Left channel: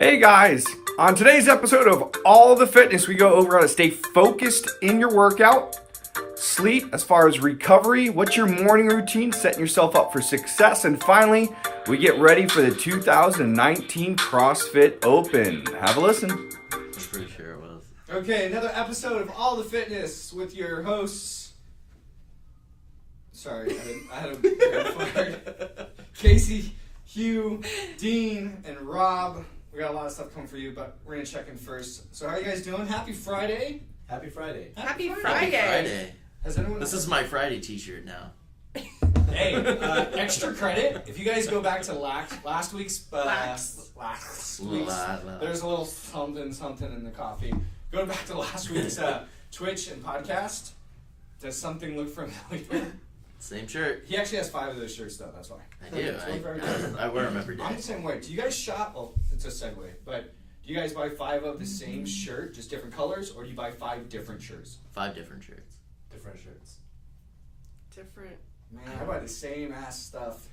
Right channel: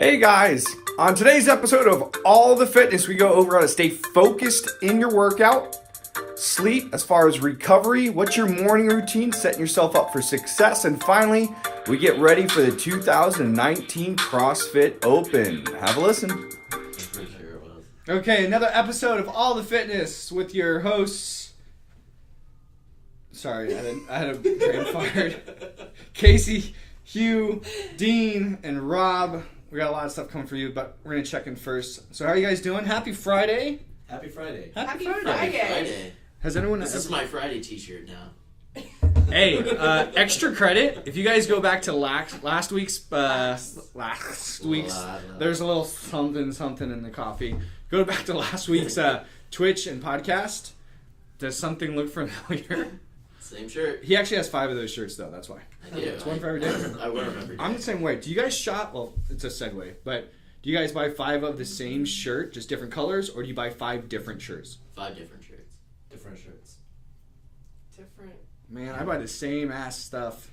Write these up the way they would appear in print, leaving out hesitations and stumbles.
Hey guys, on today's episode of All the Fitness, we go over how to stay focused in your workout, sleep as far as recovery, what's your morning routine, setting yourself up for success, and finally, we get ready for the 2019 CrossFit Open. Have a listen. I'm pretty sure it was. Okay, another episode of All the Fitness with your hosts. Sorry, I had a brain fart. Casey, Hugh, Dean, and Rob. We got a lot of stuff coming for you, but we're going to check in first. So how are you guys doing? Happy Friday. Happy Friday. Happy Friday. Has anyone... This is my Friday t-shirt now. Hey, extra credit. If you guys go back to last week's, there's a little something in the coffee. Go back to last week's Twitch and podcast. Does something look familiar? Same shirt. He actually has 5 of those shirts, though. That's why. I do. It's one for every day. I wear them every day. I'm the same way. Do you guys shop? Well, it's a segue, but do you guys buy 5 of the same shirt, just different colors, or do you buy 5 different shirts? 5 different shirts. Different. Man, I buy the same ass stuff.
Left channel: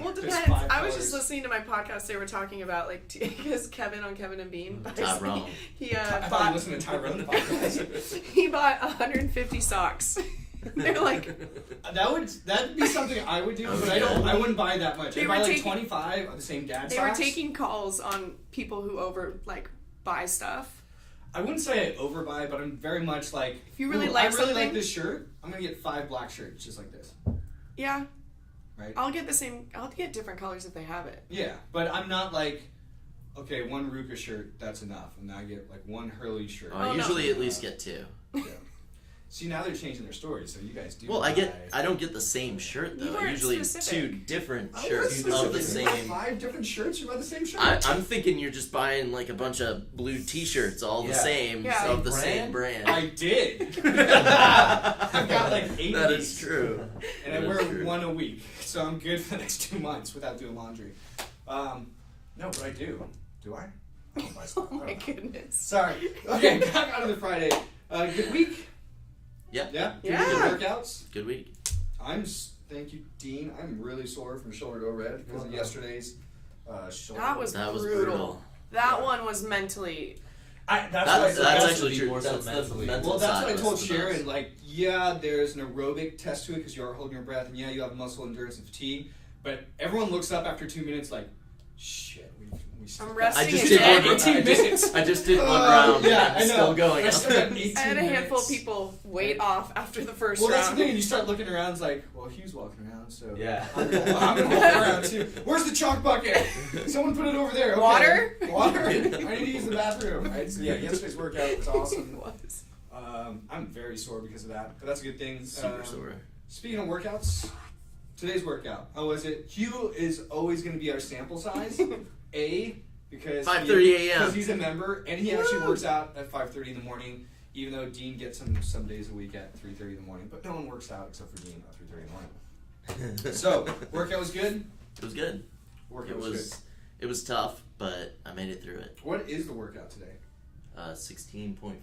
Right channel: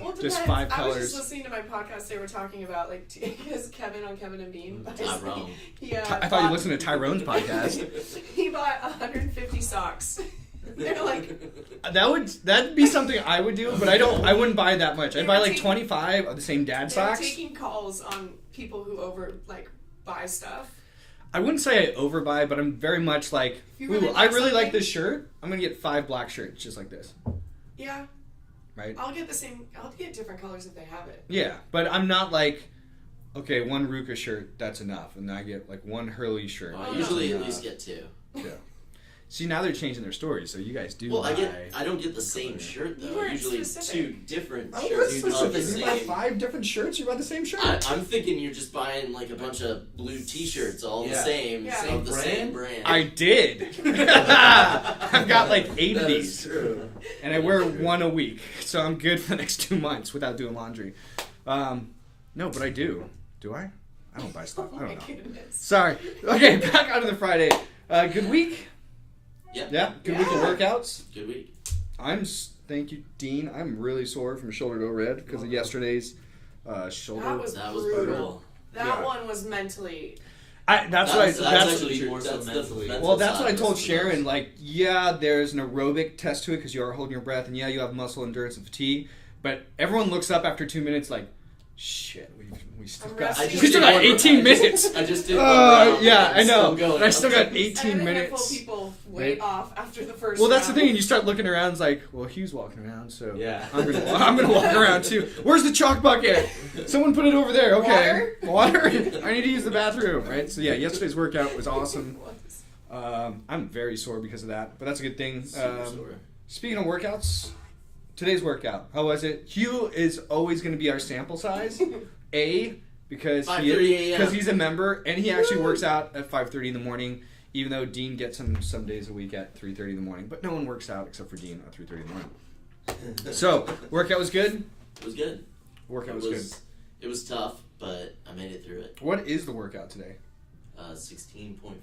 Well, Just depends. 5 I was colors. just listening to my podcast. They were talking about because Kevin on Kevin and Bean. Tyrone. I thought you listened to Tyrone's podcast. He bought 150 socks. They're like, That'd be something I would do, but I wouldn't buy that much. I'd buy like 25 of the same dad they were socks. taking calls on people who buy stuff. I wouldn't say I overbuy, but I'm very much like, If you really ooh, like I really like something- this shirt. I'm gonna get 5 black shirts just like this, Yeah, right? I'll get different colors if they have it. Yeah, but I'm not like, okay, 1 Ruka shirt, that's enough, and I get like 1 Hurley shirt. I Oh, usually no. at least get 2. Yeah. See, now they're changing their stories, so you guys do. Well, buy... I don't get the same shirt You though. weren't Usually specific. 2 different Oh, shirts that's of the specific. You buy same. 5 different shirts. You buy the same shirt. I'm thinking you're just buying like a bunch of blue t-shirts all the same Yeah. of the same brand. I did. I've got like 8 of That these. is true. And I wear 1 a week, so I'm good for the next 2 months without doing laundry. No, but I do. Do I? I don't buy stuff. Oh I my don't know. goodness. Sorry. Okay, back onto the Friday. Good week? Yeah. Yeah? Good week of Yeah. workouts? Good week. Thank you, Dean. I'm really sore from shoulder to red because of yesterday's shoulder. That was brutal. brutal. That Yeah. one was mentally. That's That's actually true. more so That's the mentally. mental well, that's side what I of told it. Sharon. Like, yeah, there's an aerobic test to it because you are holding your breath, and yeah, you have muscle endurance and fatigue. But everyone looks up after 2 minutes, like, shit, we still I'm got. resting. We still got 18 minutes. I just did 1 round. Yeah, and I it's know. Still going. But I still got I 18 had a handful minutes. of people wait Right. off after the first Well, that's the round. thing. And you start looking around. It's like, well, Hugh's walking around, so Yeah. I'm gonna walk around too. Where's the chalk bucket? Someone put it over there. Okay. Water. I need to use the bathroom. Right. So yeah, yesterday's workout was awesome. I'm very sore because of that, but that's a good thing. Super sore. Speaking of workouts, today's workout, how was it? Hugh is always going to be our sample size. Because 5:30 a.m. because he's a member, and he actually works out at 5:30 in the morning, even though Dean gets him some days a week at 3:30 in the morning. But no one works out except for Dean at 3:30 in the morning. So, workout was good? It was good. Workout It was good. It was tough, but I made it through it. What is the workout today? 16.4.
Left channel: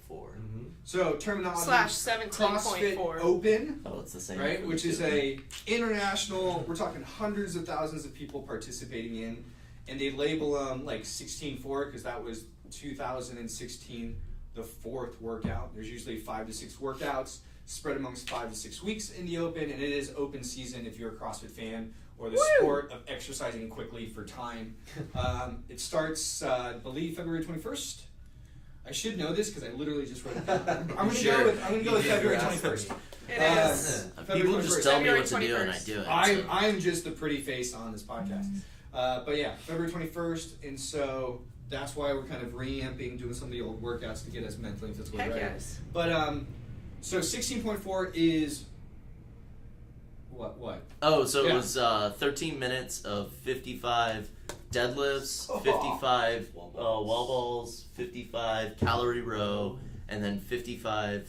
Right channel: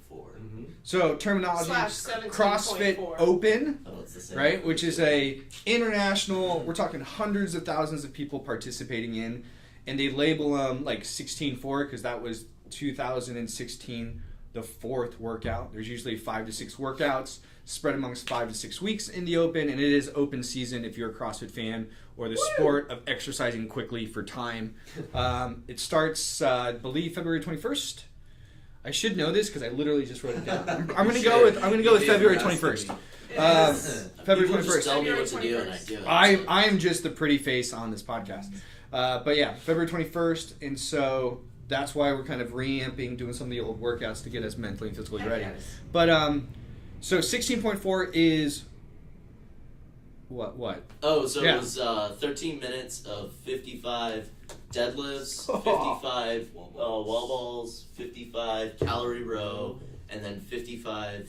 So, terminology, Slash 17.4. CrossFit Open. Oh, it's the same. Right, which is a international. We're talking hundreds of thousands of people participating in, and they label them like 16.4 because that was 2016, the 4th workout. There's usually 5 to 6 workouts spread amongst 5 to 6 weeks in the Open, and it is open season if you're a CrossFit fan or the sport of exercising quickly for time. It starts, I believe, February 21st. I should know this because I literally just wrote it down. I'm gonna go with February 21st. It is. February People just 21st. tell me what to February do and I 21st. do it. I am just the pretty face on this podcast. But yeah, February 21st, and so that's why we're kind of reamping, doing some of the old workouts to get us mentally and physically Heck ready. yes. But so 16.4 is what? Oh, so Yeah. it was 13 minutes of 55 deadlifts, 55 wall balls, 55 calorie row, and then 55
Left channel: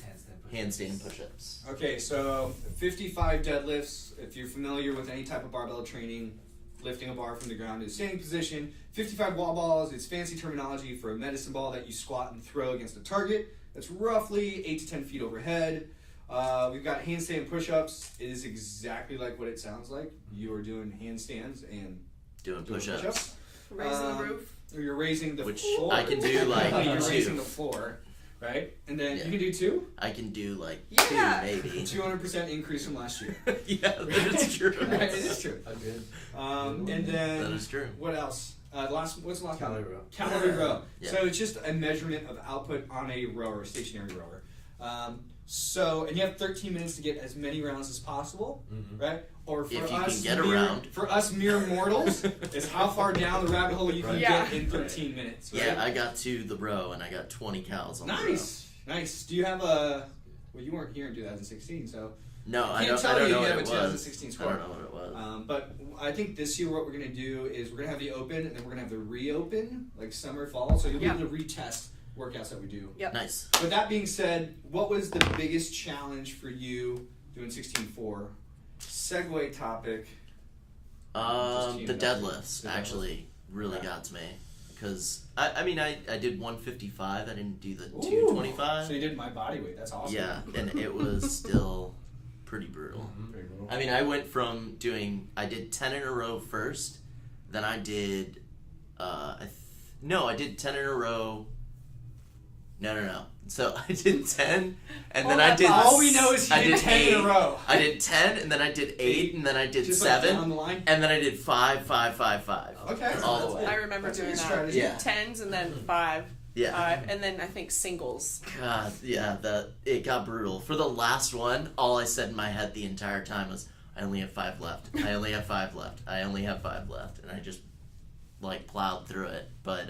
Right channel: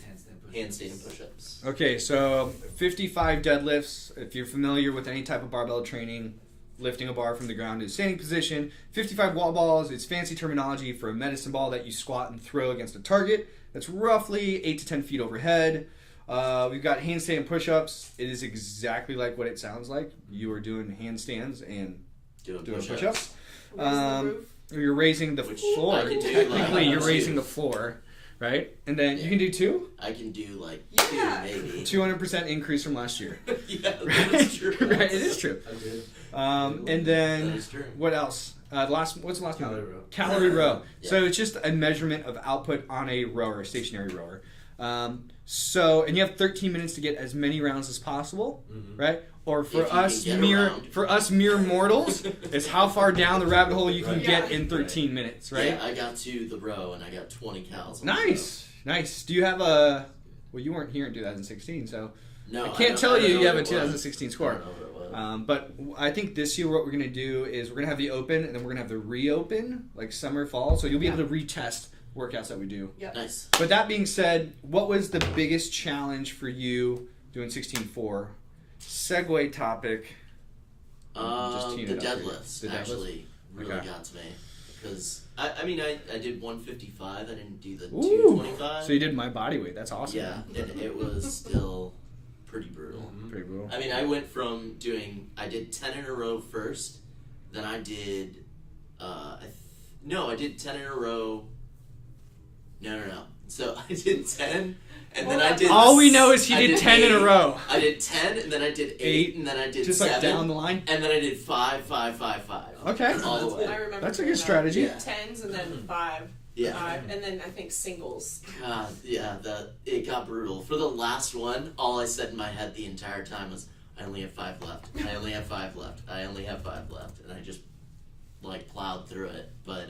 handstand push-ups. Okay, so 55 deadlifts. If you're familiar with any type of barbell training, lifting a bar from the ground in a standing position. 55 wall balls. It's fancy terminology for a medicine ball that you squat and throw against a target. That's roughly 8 to 10 feet overhead. We've got handstand push-ups. It is exactly like what it sounds like. You are doing handstands and Doing doing push-ups. push-ups. Raising the roof. you're raising the Which floor. I can do, like, Technically, you're two. raising the floor, right? And then Yeah. you can do 2. I can do like Yeah. 2 maybe. 200% increase from last year. Yeah, that's true. Right, it is true. And That then is true. what else? What's the last Calorie one? row. Calorie row. Yeah. So it's just a measurement of output on a rower, a stationary rower. And you have 13 minutes to get as many rounds as possible, right? Or for If you can us get mere mortals, it's how far down the rabbit hole you can Right. get Yeah. in 13 minutes, right? Yeah, I got to the row and I got 20 cals on Nice. Do you have a? Well, you weren't here in 2016, so the row. No, I can't tell don't you know you have a what it 2016 was. I score. don't know what it was. But I think this year what we're going to do is we're going to have the open and then we're going to have the reopen, like summer, fall. So you'll be able to retest workouts that we do. Yep. Nice. But that being said, what was the biggest challenge for you doing 16.4? Segue topic. Just teeing The it up here. deadlifts The deadlifts? actually really Okay. got to me. Because, I mean, I did 155. I didn't do the Ooh. 225. So you did my body weight. That's awesome. Yeah, and it was still pretty brutal. Pretty brutal. I mean, I went from I did 10 in a row first, then I did, I did 10 in a row. No. So I did 10, and then I did. All we know is he I did 10 in a 8. row. I did 10, and then I did 8, and then I did Just like 7, down the line. and then I did 5, 5, 5, 5. Okay. All the way. I remember That's a doing good that. strategy. Yeah. 10s and then 5. Yeah. And then I think singles. God, yeah, it got brutal. For the last one, all I said in my head the entire time was, I only have 5 left. I only have 5 left. I only have 5 left. And I just, plowed through it. But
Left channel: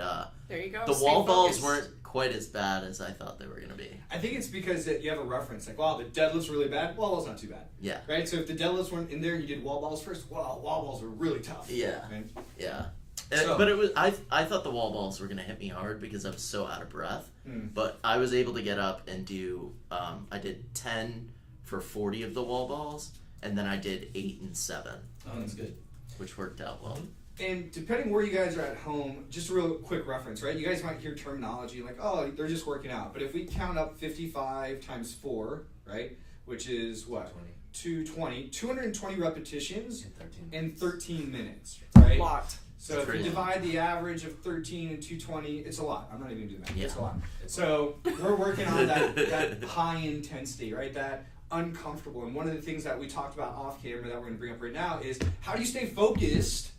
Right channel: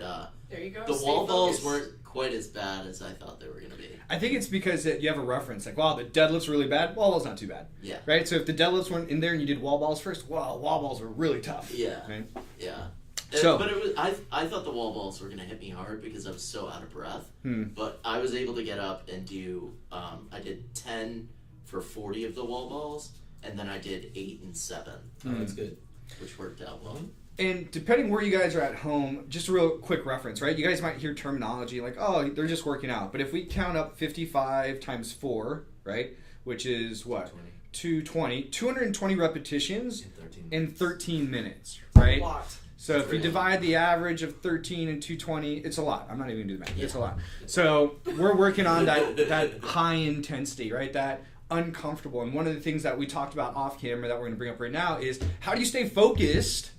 There you go. the Stay wall balls focused. weren't quite as bad as I thought they were going to be. I think it's because you have a reference. Like, wow, the deadlift's really bad. Wall ball's not too bad. Yeah. Right? So if the deadlifts weren't in there and you did wall balls first, wow, wall balls were really tough. Yeah. Right? Yeah. So- But it was I thought the wall balls were going to hit me hard because I was so out of breath. But I was able to get up and do, I did 10 for 40 of the wall balls, and then I did 8 and 7, Oh, that's good. which worked out well. And depending where you guys are at home, just a real quick reference, right? You guys might hear terminology like, oh, they're just working out. But if we count up 55 times 4, right, which is what? 220 repetitions in 13 minutes, right? A lot. So if you divide the average of 13 and 220, it's a lot. I'm not even going to do the math. It's a lot. So we're working on that high intensity, right? That uncomfortable. And one of the things that we talked about off camera that we're going to bring up right now is how do you stay focused?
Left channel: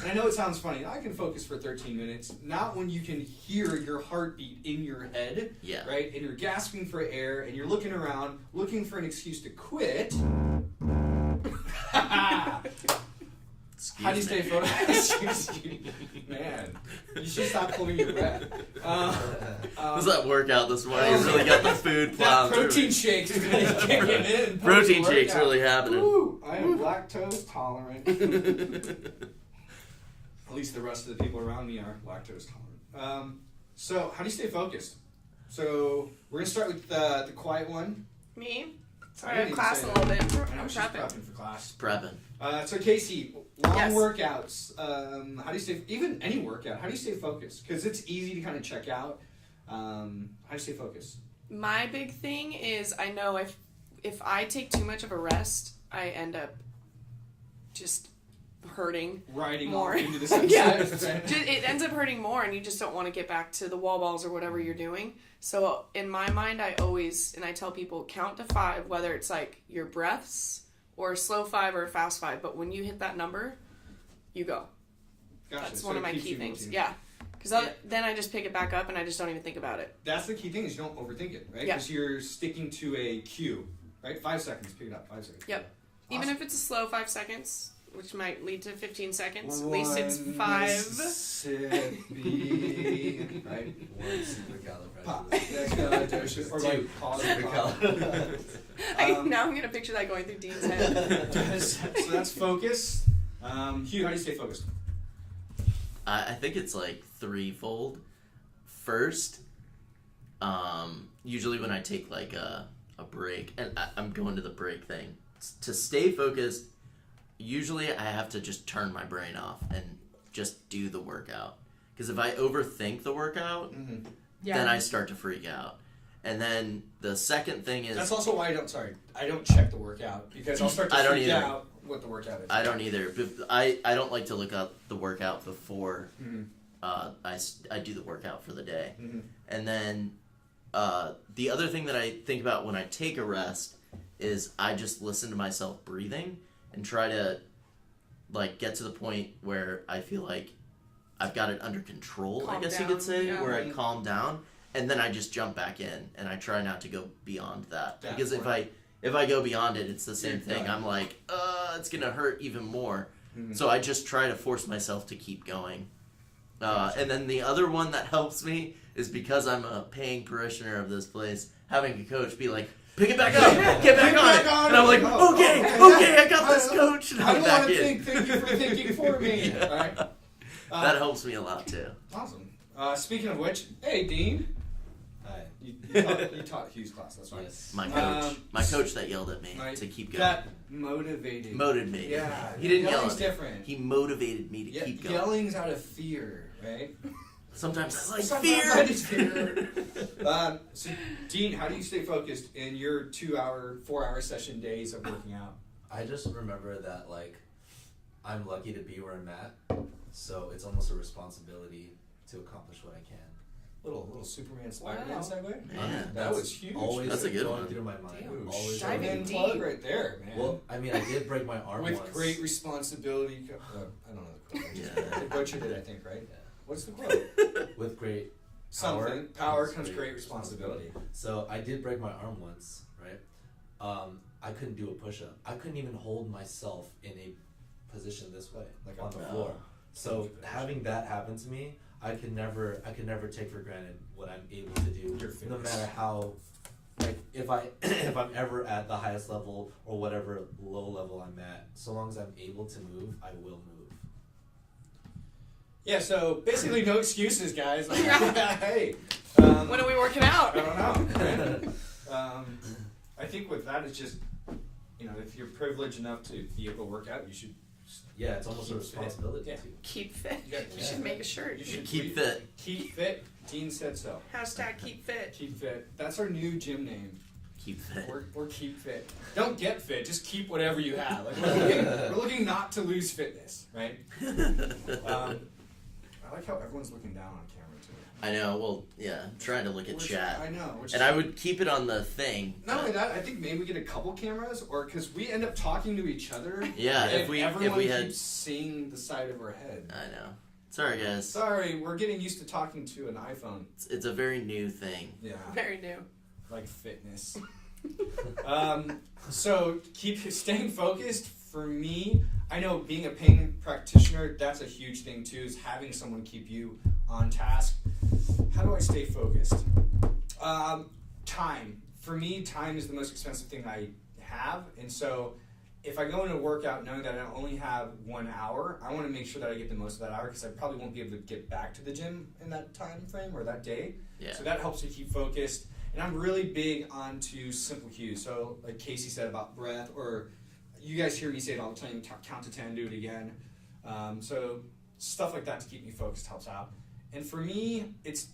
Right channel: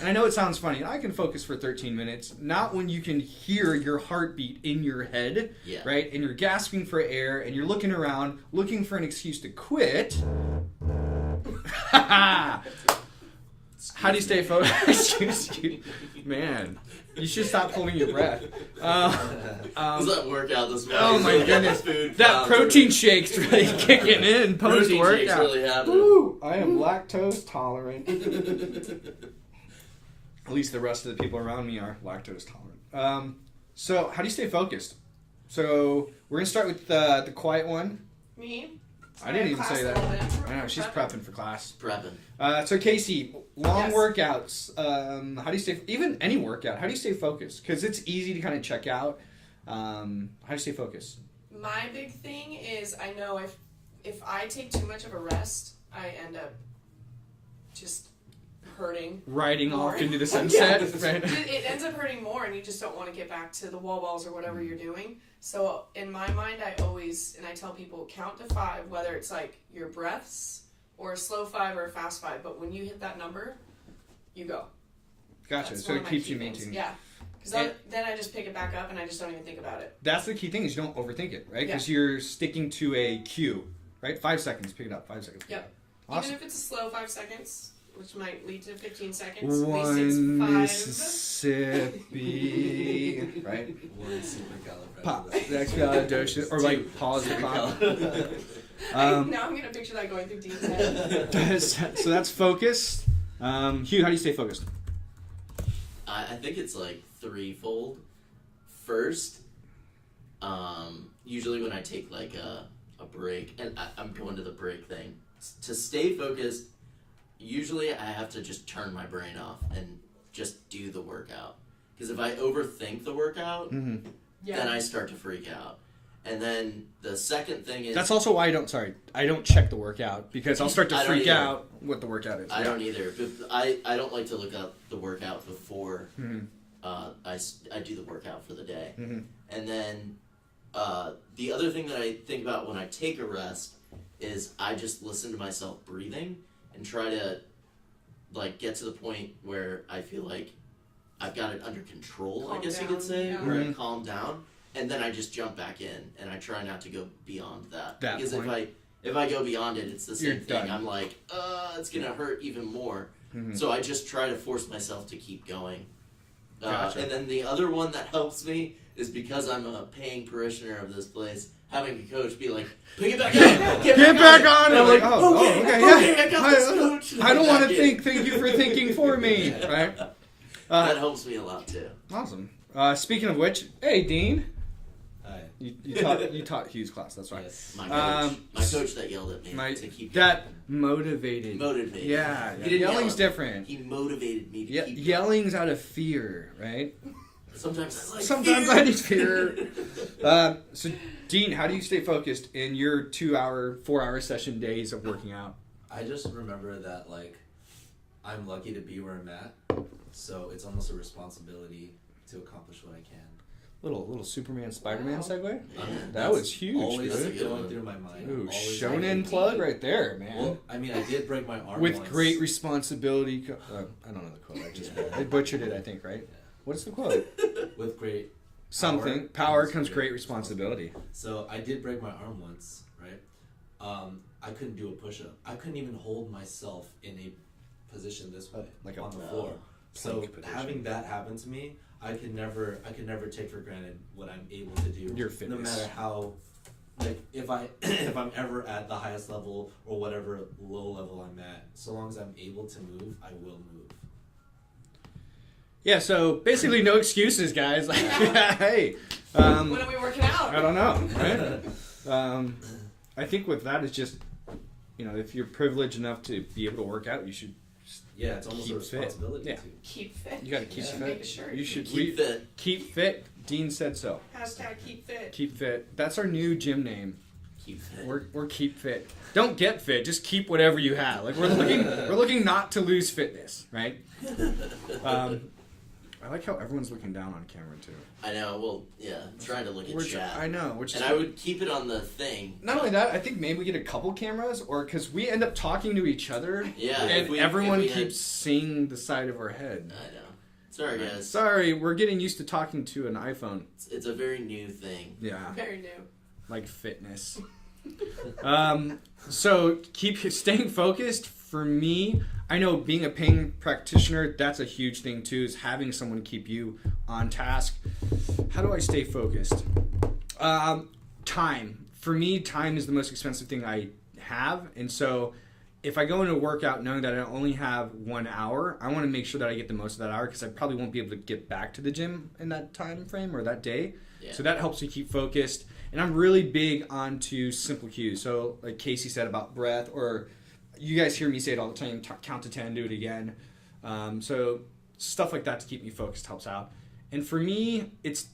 And I know it sounds funny. I can focus for 13 minutes, not when you can hear your heartbeat in your head, Yeah. right? And you're gasping for air and you're looking around, looking for an excuse to quit. How do you stay focused? Man, you should stop holding your breath. Was that workout this morning? Oh my Really got the goodness. food That plowed protein through. shake's really kicking in Protein shake's post-workout. really happening. Woo, I am lactose tolerant. At least the rest of the people around me are lactose tolerant. So how do you stay focused? So we're gonna start with the quiet one. Me? I didn't even class say a that. little bit. I know she's prepping for class. Prepping. So Casey, long Yes. workouts. How do you stay? Even any workout. How do you stay focused? Because it's easy to kind of check out. How do you stay focused? My big thing is I know if I take too much of a rest, I end up just hurting. Riding More. off into the sunset. It ends up hurting more, and you just don't want to get back to the wall balls or whatever you're doing. So in my mind, I tell people count to 5, whether it's like your breaths or a slow 5 or a fast 5. But when you hit that number, you go. Gotcha. That's So one of it my keeps key you things. moving. Yeah. Because then I just pick it back up and I just don't even think about it. That's the key thing is you don't overthink it, right? Yeah. Because you're sticking to a cue, right? 5 seconds, pick it up. 5 seconds. Yep. Awesome. Even if it's a slow 5 seconds, which might lead to 15 seconds, at least it's 5. Mississippi, right? One supercalifragilistic. Pop. Expialidocious, or like pause and pop. Now I'm gonna picture that going through Dean's head. So that's focus. Hugh, how do you stay focused? I think it's like threefold. First, usually when I take like a break, and I'm going to the break thing, to stay focused, usually I have to just turn my brain off and just do the workout. Because if I overthink the workout, then I start to freak out. And then the second thing is... That's also why I don't check the workout, because I'll start to freak either. out what the workout is. I don't either. But I don't like to look up the workout before I do the workout for the day. Mhm. And then the other thing that I think about when I take a rest is I just listen to myself breathing and try to like get to the point where I feel like I've got it under control, Calm I guess down, you could say, yeah. where I Mhm. calm down, and then I just jump back in and I try not to go beyond that. Because point. if I go beyond it, it's the same You're thing. done. I'm like, it's gonna hurt even more. Mhm. So I just try to force myself to keep going. Gotcha. And then the other one that helps me is because I'm a paying parishioner of this place, having a coach be like, pick it back up, get back on. And I'm like, Oh, okay, I got this, coach. And I I'm don't back want to in. think. Thank you for thinking for me. Right. That helps me a lot too. Awesome. Speaking of which, hey Dean, Hi. you taught Hugh's class. That's right. Yes. My coach that yelled at me to keep going. That motivated. Motivated me. Yeah, He didn't yell yelling's at- different. He motivated me to keep going. Yelling's out of fear, right? Sometimes it's like Sometimes fear. I need fear. So, Dean, how do you stay focused in your 2-hour, 4-hour session days of working out? I just remember that like I'm lucky to be where I'm at, so it's almost a responsibility to accomplish what I can. Little Superman, Spider-Man Wow. segue. Man, That was huge. Always That's a good going one. through my mind. Ooh, Always shonen going- plug right there, man. Well, I mean, I did break my arm With once. great responsibility. I don't know the quote. I just I butchered it, I think, right? Yeah. What's the quote? With great. Something. Power comes great responsibility. So I did break my arm once, right? I couldn't do a push-up. I couldn't even hold myself in a position this way, Like on a the floor. So plank position. having that happen to me, I could never take for granted what I'm able to do. Your no fitness. matter how, like if I'm ever at the highest level or whatever low level I'm at, so long as I'm able to move, I will move. Yeah, so basically no excuses, guys. Like, hey. When are we working out? I don't know. Right? I think with that, it's just, if you're privileged enough to be able to work out, you should. Yeah, it's almost a Keep fit. responsibility Yeah. too. Keep fit. You gotta keep You should fit. make a shirt. You should Keep fit. Keep fit. Dean said so. Hashtag keep fit. Keep fit. That's our new gym name. Keep fit. We're keep fit. Don't get fit. Just keep whatever you have. Like we're looking not to lose fitness, right? I like how everyone's looking down on camera too. I know. Well, yeah. I'm trying to look at chat. I know. Which And I would keep it on the thing. not only that, I think maybe we get a couple cameras, or because we end up talking to each other, Yeah, and if we everyone had- keeps seeing the side of our head. I know. Sorry, guys. Sorry, we're getting used to talking to an iPhone. It's a very new thing. Yeah, Very new. like fitness. So keep staying focused. For me, I know being a paying practitioner, that's a huge thing too, is having someone keep you on task. How do I stay focused? Time. For me, time is the most expensive thing I have. And so if I go into a workout knowing that I only have 1 hour, I want to make sure that I get the most of that hour because I probably won't be able to get back to the gym in that time frame or that day. Yeah. So that helps me keep focused. And I'm really big onto simple cues. So like Casey said about breath, or you guys hear me say it all the time, count to 10, do it again. So stuff like that to keep me focused helps out. And for me, it's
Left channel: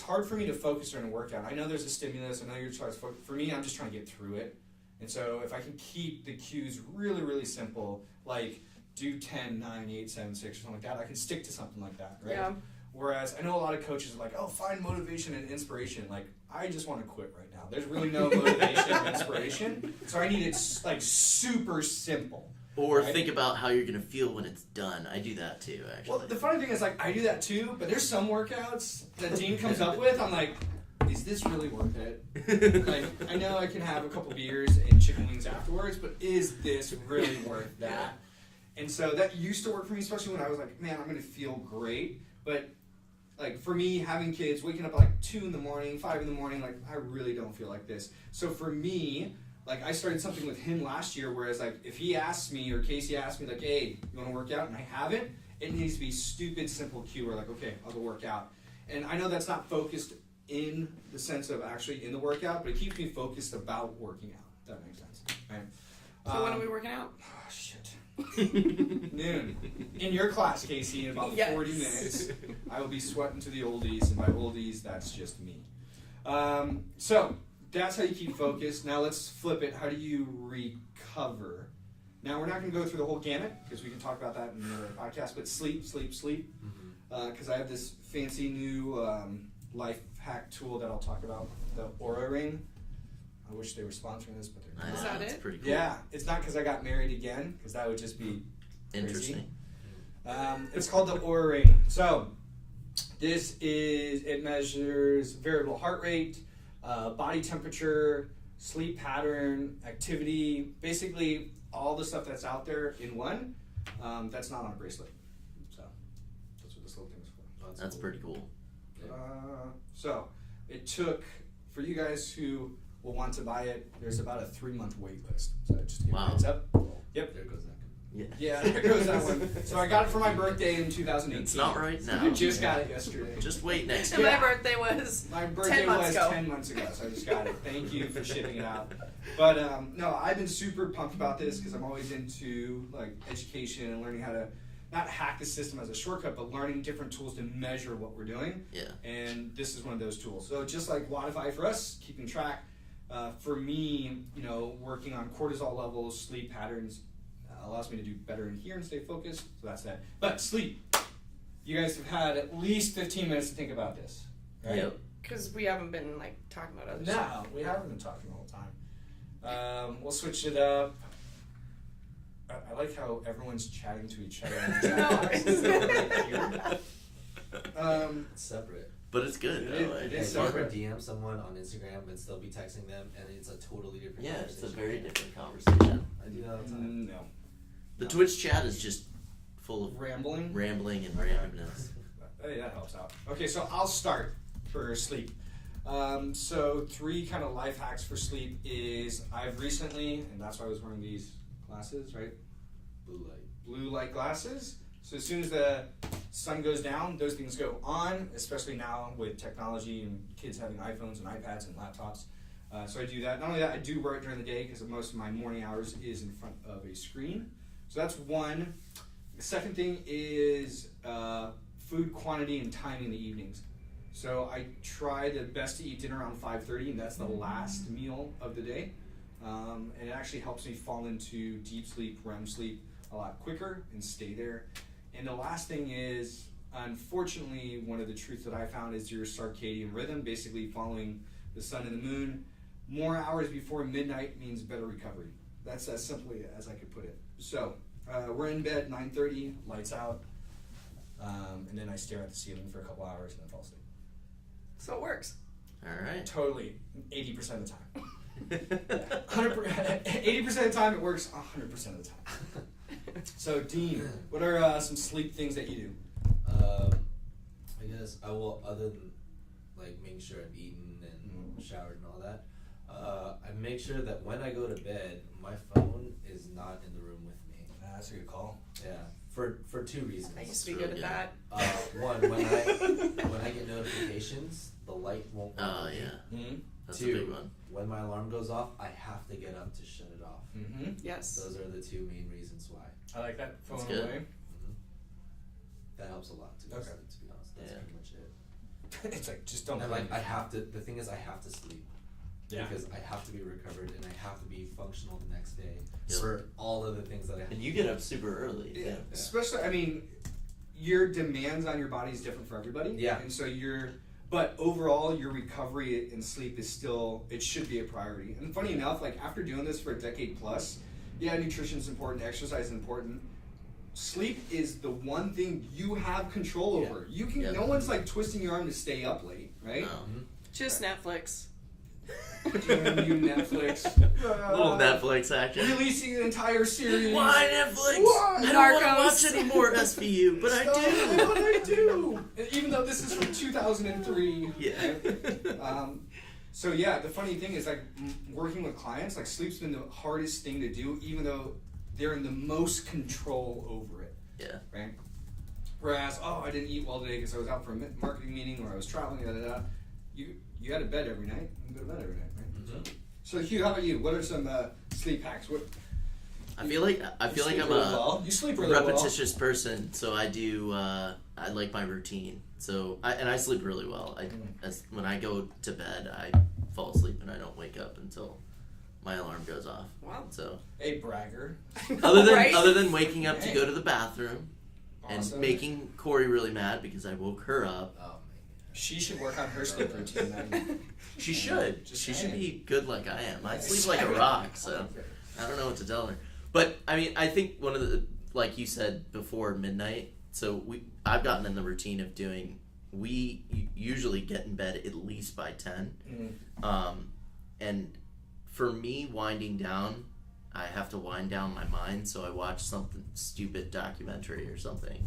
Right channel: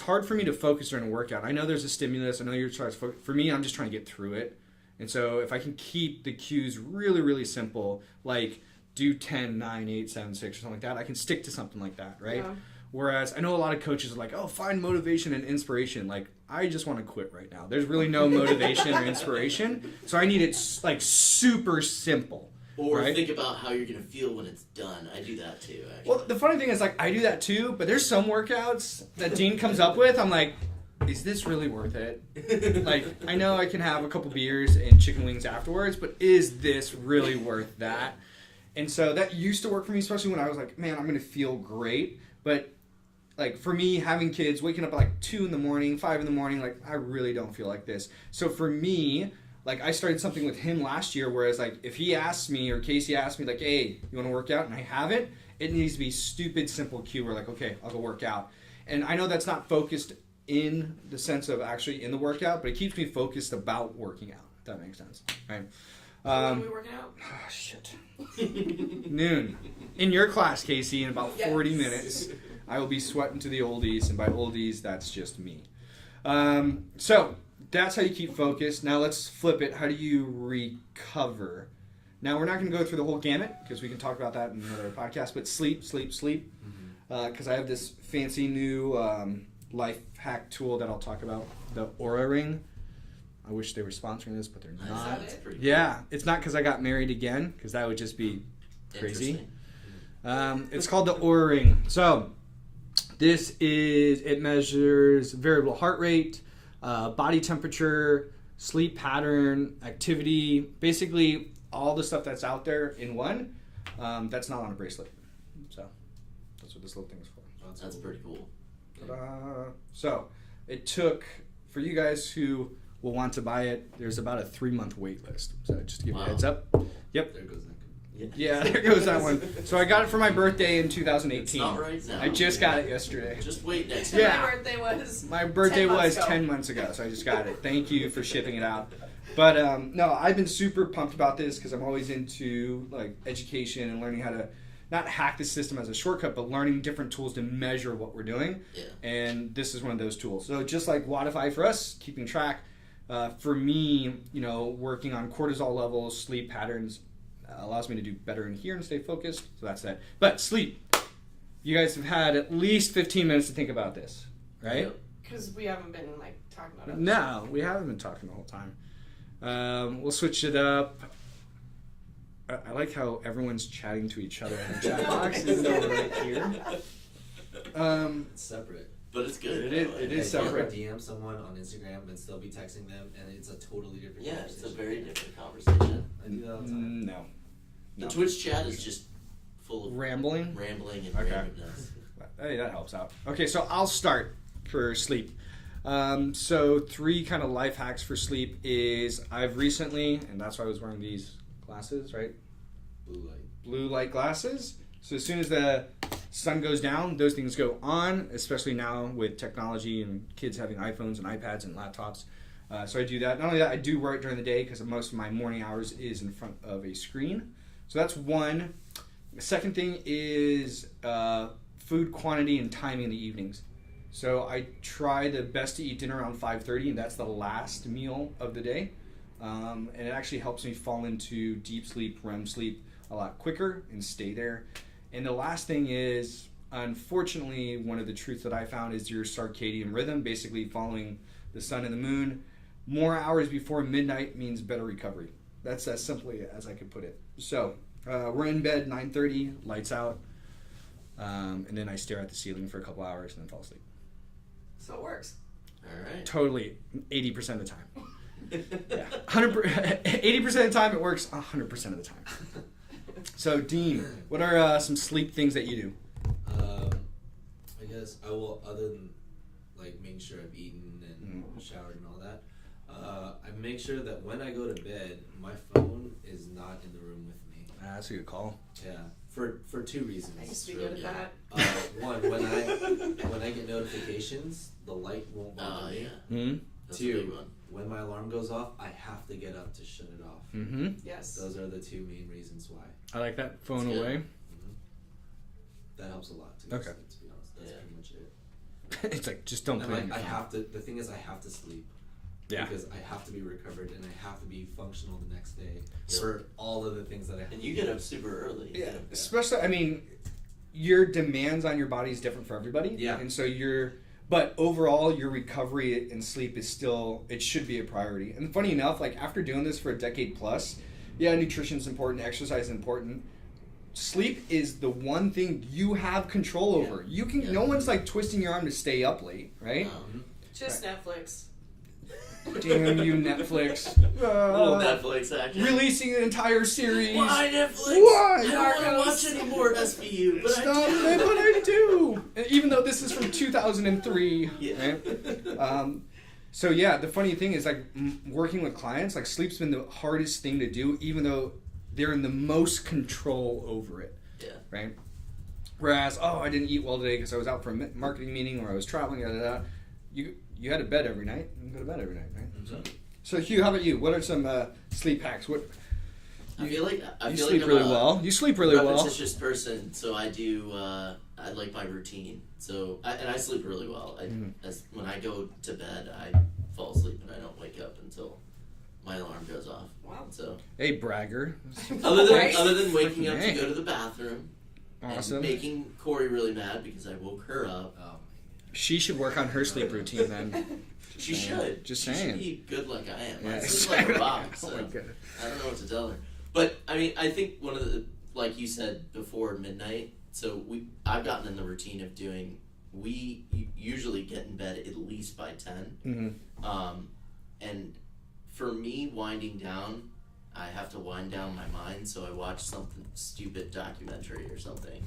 hard for me to focus during a workout. I know there's a stimulus. I know you're trying to focus. For me, I'm just trying to get through it. And so if I can keep the cues really, really simple, like do 10, 9, 8, 7, 6 or something like that, I can stick to something like that, right? Yeah. Whereas I know a lot of coaches are like, oh, find motivation and inspiration. Like, I just want to quit right now. There's really no motivation or inspiration. So I need it like super simple. Or right? think about how you're going to feel when it's done. I do that too, actually. Well, the funny thing is, like, I do that too, but there's some workouts that Dean comes up with. I'm like, is this really worth it? Like, I know I can have a couple beers and chicken wings afterwards, but is this really worth that? And so that used to work for me, especially when I was like, man, I'm going to feel great. But like for me, having kids, waking up at like 2 in the morning, 5 in the morning, like I really don't feel like this. So for me, like I started something with him last year, whereas like if he asks me or Casey asks me like, hey, you want to work out? And I haven't, it needs to be stupid, simple cue where like, okay, I'll go work out. And I know that's not focused in the sense of actually in the workout, but it keeps me focused about working out, if that makes sense. Right? So when are we working out? Oh, shit. Noon. In your class, Casey, in about Yes. 40 minutes, I will be sweating to the oldies, and by oldies, that's just me. So that's how you keep focused. Now let's flip it. How do you recover? Now we're not going to go through the whole gamut because we can talk about that in another podcast. But sleep. because I have this fancy new life hack tool that I'll talk about, the Aura Ring. I wish they were sponsoring this, but they're Is not. that That's it? pretty cool. Yeah, it's not because I got married again, because that would just be crazy. Interesting. It's called the Aura Ring. So it measures variable heart rate, body temperature, sleep pattern, activity, basically all the stuff that's out there in one. That's not on a bracelet. So that's what this little thing is for. That's pretty cool. So it took, for you guys who will want to buy it, there's about a 3-month wait list. So just to give you a Wow. heads up. Yep. There goes that. Yeah. Yeah, there goes that one. So I got it for my birthday in 2018. It's not right now. I just got it yesterday. Just wait next And year. Yeah. my birthday was. My birthday 10 months was ago. 10 months ago, so I just got it. Thank you for shipping it out. But no, I've been super pumped about this because I'm always into like education and learning how to not hack the system as a shortcut, but learning different tools to measure what we're doing. Yeah. And this is one of those tools. So just like Wodify for us, keeping track. For me, working on cortisol levels, sleep patterns allows me to do better in here and stay focused. So that's that. But sleep. You guys have had at least 15 minutes to think about this, right? Yep. Because we haven't been like talking about it. No, we haven't been talking the whole time. We'll switch it up. I like how everyone's chatting to each other in the chat boxes over right here. It's separate. But it's good. It is- though. it Like, is you ever separate. DM someone on Instagram and still be texting them, and it's a totally different Yeah, it's conversation. a very different conversation. I do that all the time. No. The No. Twitch chat is just full of Rambling? rambling and Okay. randomness. Hey, that helps out. Okay, so I'll start for sleep. So 3 kind of life hacks for sleep is I've recently, and that's why I was wearing these glasses, right? Blue light. Blue light glasses. So as soon as the sun goes down, those things go on, especially now with technology and kids having iPhones and iPads and laptops. So I do that. Not only that, I do wear it during the day because most of my morning hours is in front of a screen. So that's one. The second thing is food quantity and timing in the evenings. So I try the best to eat dinner around 5:30, and that's the last meal of the day. And it actually helps me fall into deep sleep, REM sleep a lot quicker and stay there. And the last thing is, unfortunately, one of the truths that I found is your circadian rhythm, basically following the sun and the moon. More hours before midnight means better recovery. That's as simply as I could put it. So we're in bed 9:30, lights out, and then I stare at the ceiling for a couple hours and then fall asleep. So it works. All right. Totally, 80% of the time. Yeah. 80% of the time it works 100% of the time. So Dean, what are some sleep things that you do? I guess I will, other than like making sure I've eaten and showered and all that, I make sure that when I go to bed, my phone is not in the room with me. That's a good call. Yeah, for 2 reasons. I used to be True, good at yeah. that. One, when I get notifications, the light won't work for me. Yeah. Mm-hmm. That's a big 2, one. when my alarm goes off, I have to get up to shut it off. Mm-hmm. Yes. Those are the 2 main reasons why. I like that. Phone That's good. away. That helps a lot too. Okay. To be honest, that's Yeah. pretty much it. It's like, just don't And play like on your I phone. have to. The thing is, I have to sleep. Yeah. Because I have to be recovered and I have to be functional the next day Yeah. for all of the things that I have. And to you do. get up super early. Yeah, especially, I mean, your demands on your body is different for everybody. Yeah. And so but overall, your recovery and sleep is still, it should be a priority. And funny enough, like after doing this for a decade plus, yeah, nutrition's important, exercise is important. Sleep is the one thing you have control Yeah. over. You can, Yeah. no one's like twisting your arm to stay up late, right? No. Just Netflix. Damn you, Netflix. Little Netflix action. Releasing an entire series. Why Netflix? Why? I don't want to Narcos. watch anymore SVU, but Stop I it, do. what I do. And even though this is from 2003. Yeah. Right? So yeah, the funny thing is like working with clients, like sleep's been the hardest thing to do, even though they're in the most control over it. Yeah. Right. Whereas, I didn't eat well today because I was out for a marketing meeting or I was traveling. You had a bed every night. You can go to bed every night, right? Mhm. So Hugh, how about you? What are some sleep hacks? What I feel like you I'm sleep really a well. You sleep really well. repetitious person, so I do. I like my routine. So I sleep really well. When I go to bed, I fall asleep and I don't wake up until my alarm goes off. Wow. So Hey, bragger. other Right? than waking up to Hey. go to the bathroom, Awesome. and making Corey really mad because I woke her up. Oh, She should work on her sleep routine then. She should. Just she saying. should be good like I am. I Yeah. sleep like a rock, Oh so my goodness. I don't know what to tell her. But I mean, I think one of the, like you said before midnight. So I've gotten in the routine of doing. We usually get in bed at least by 10. Mm-hmm. And for me, winding down, I have to wind down my mind. So I watch something stupid documentary or something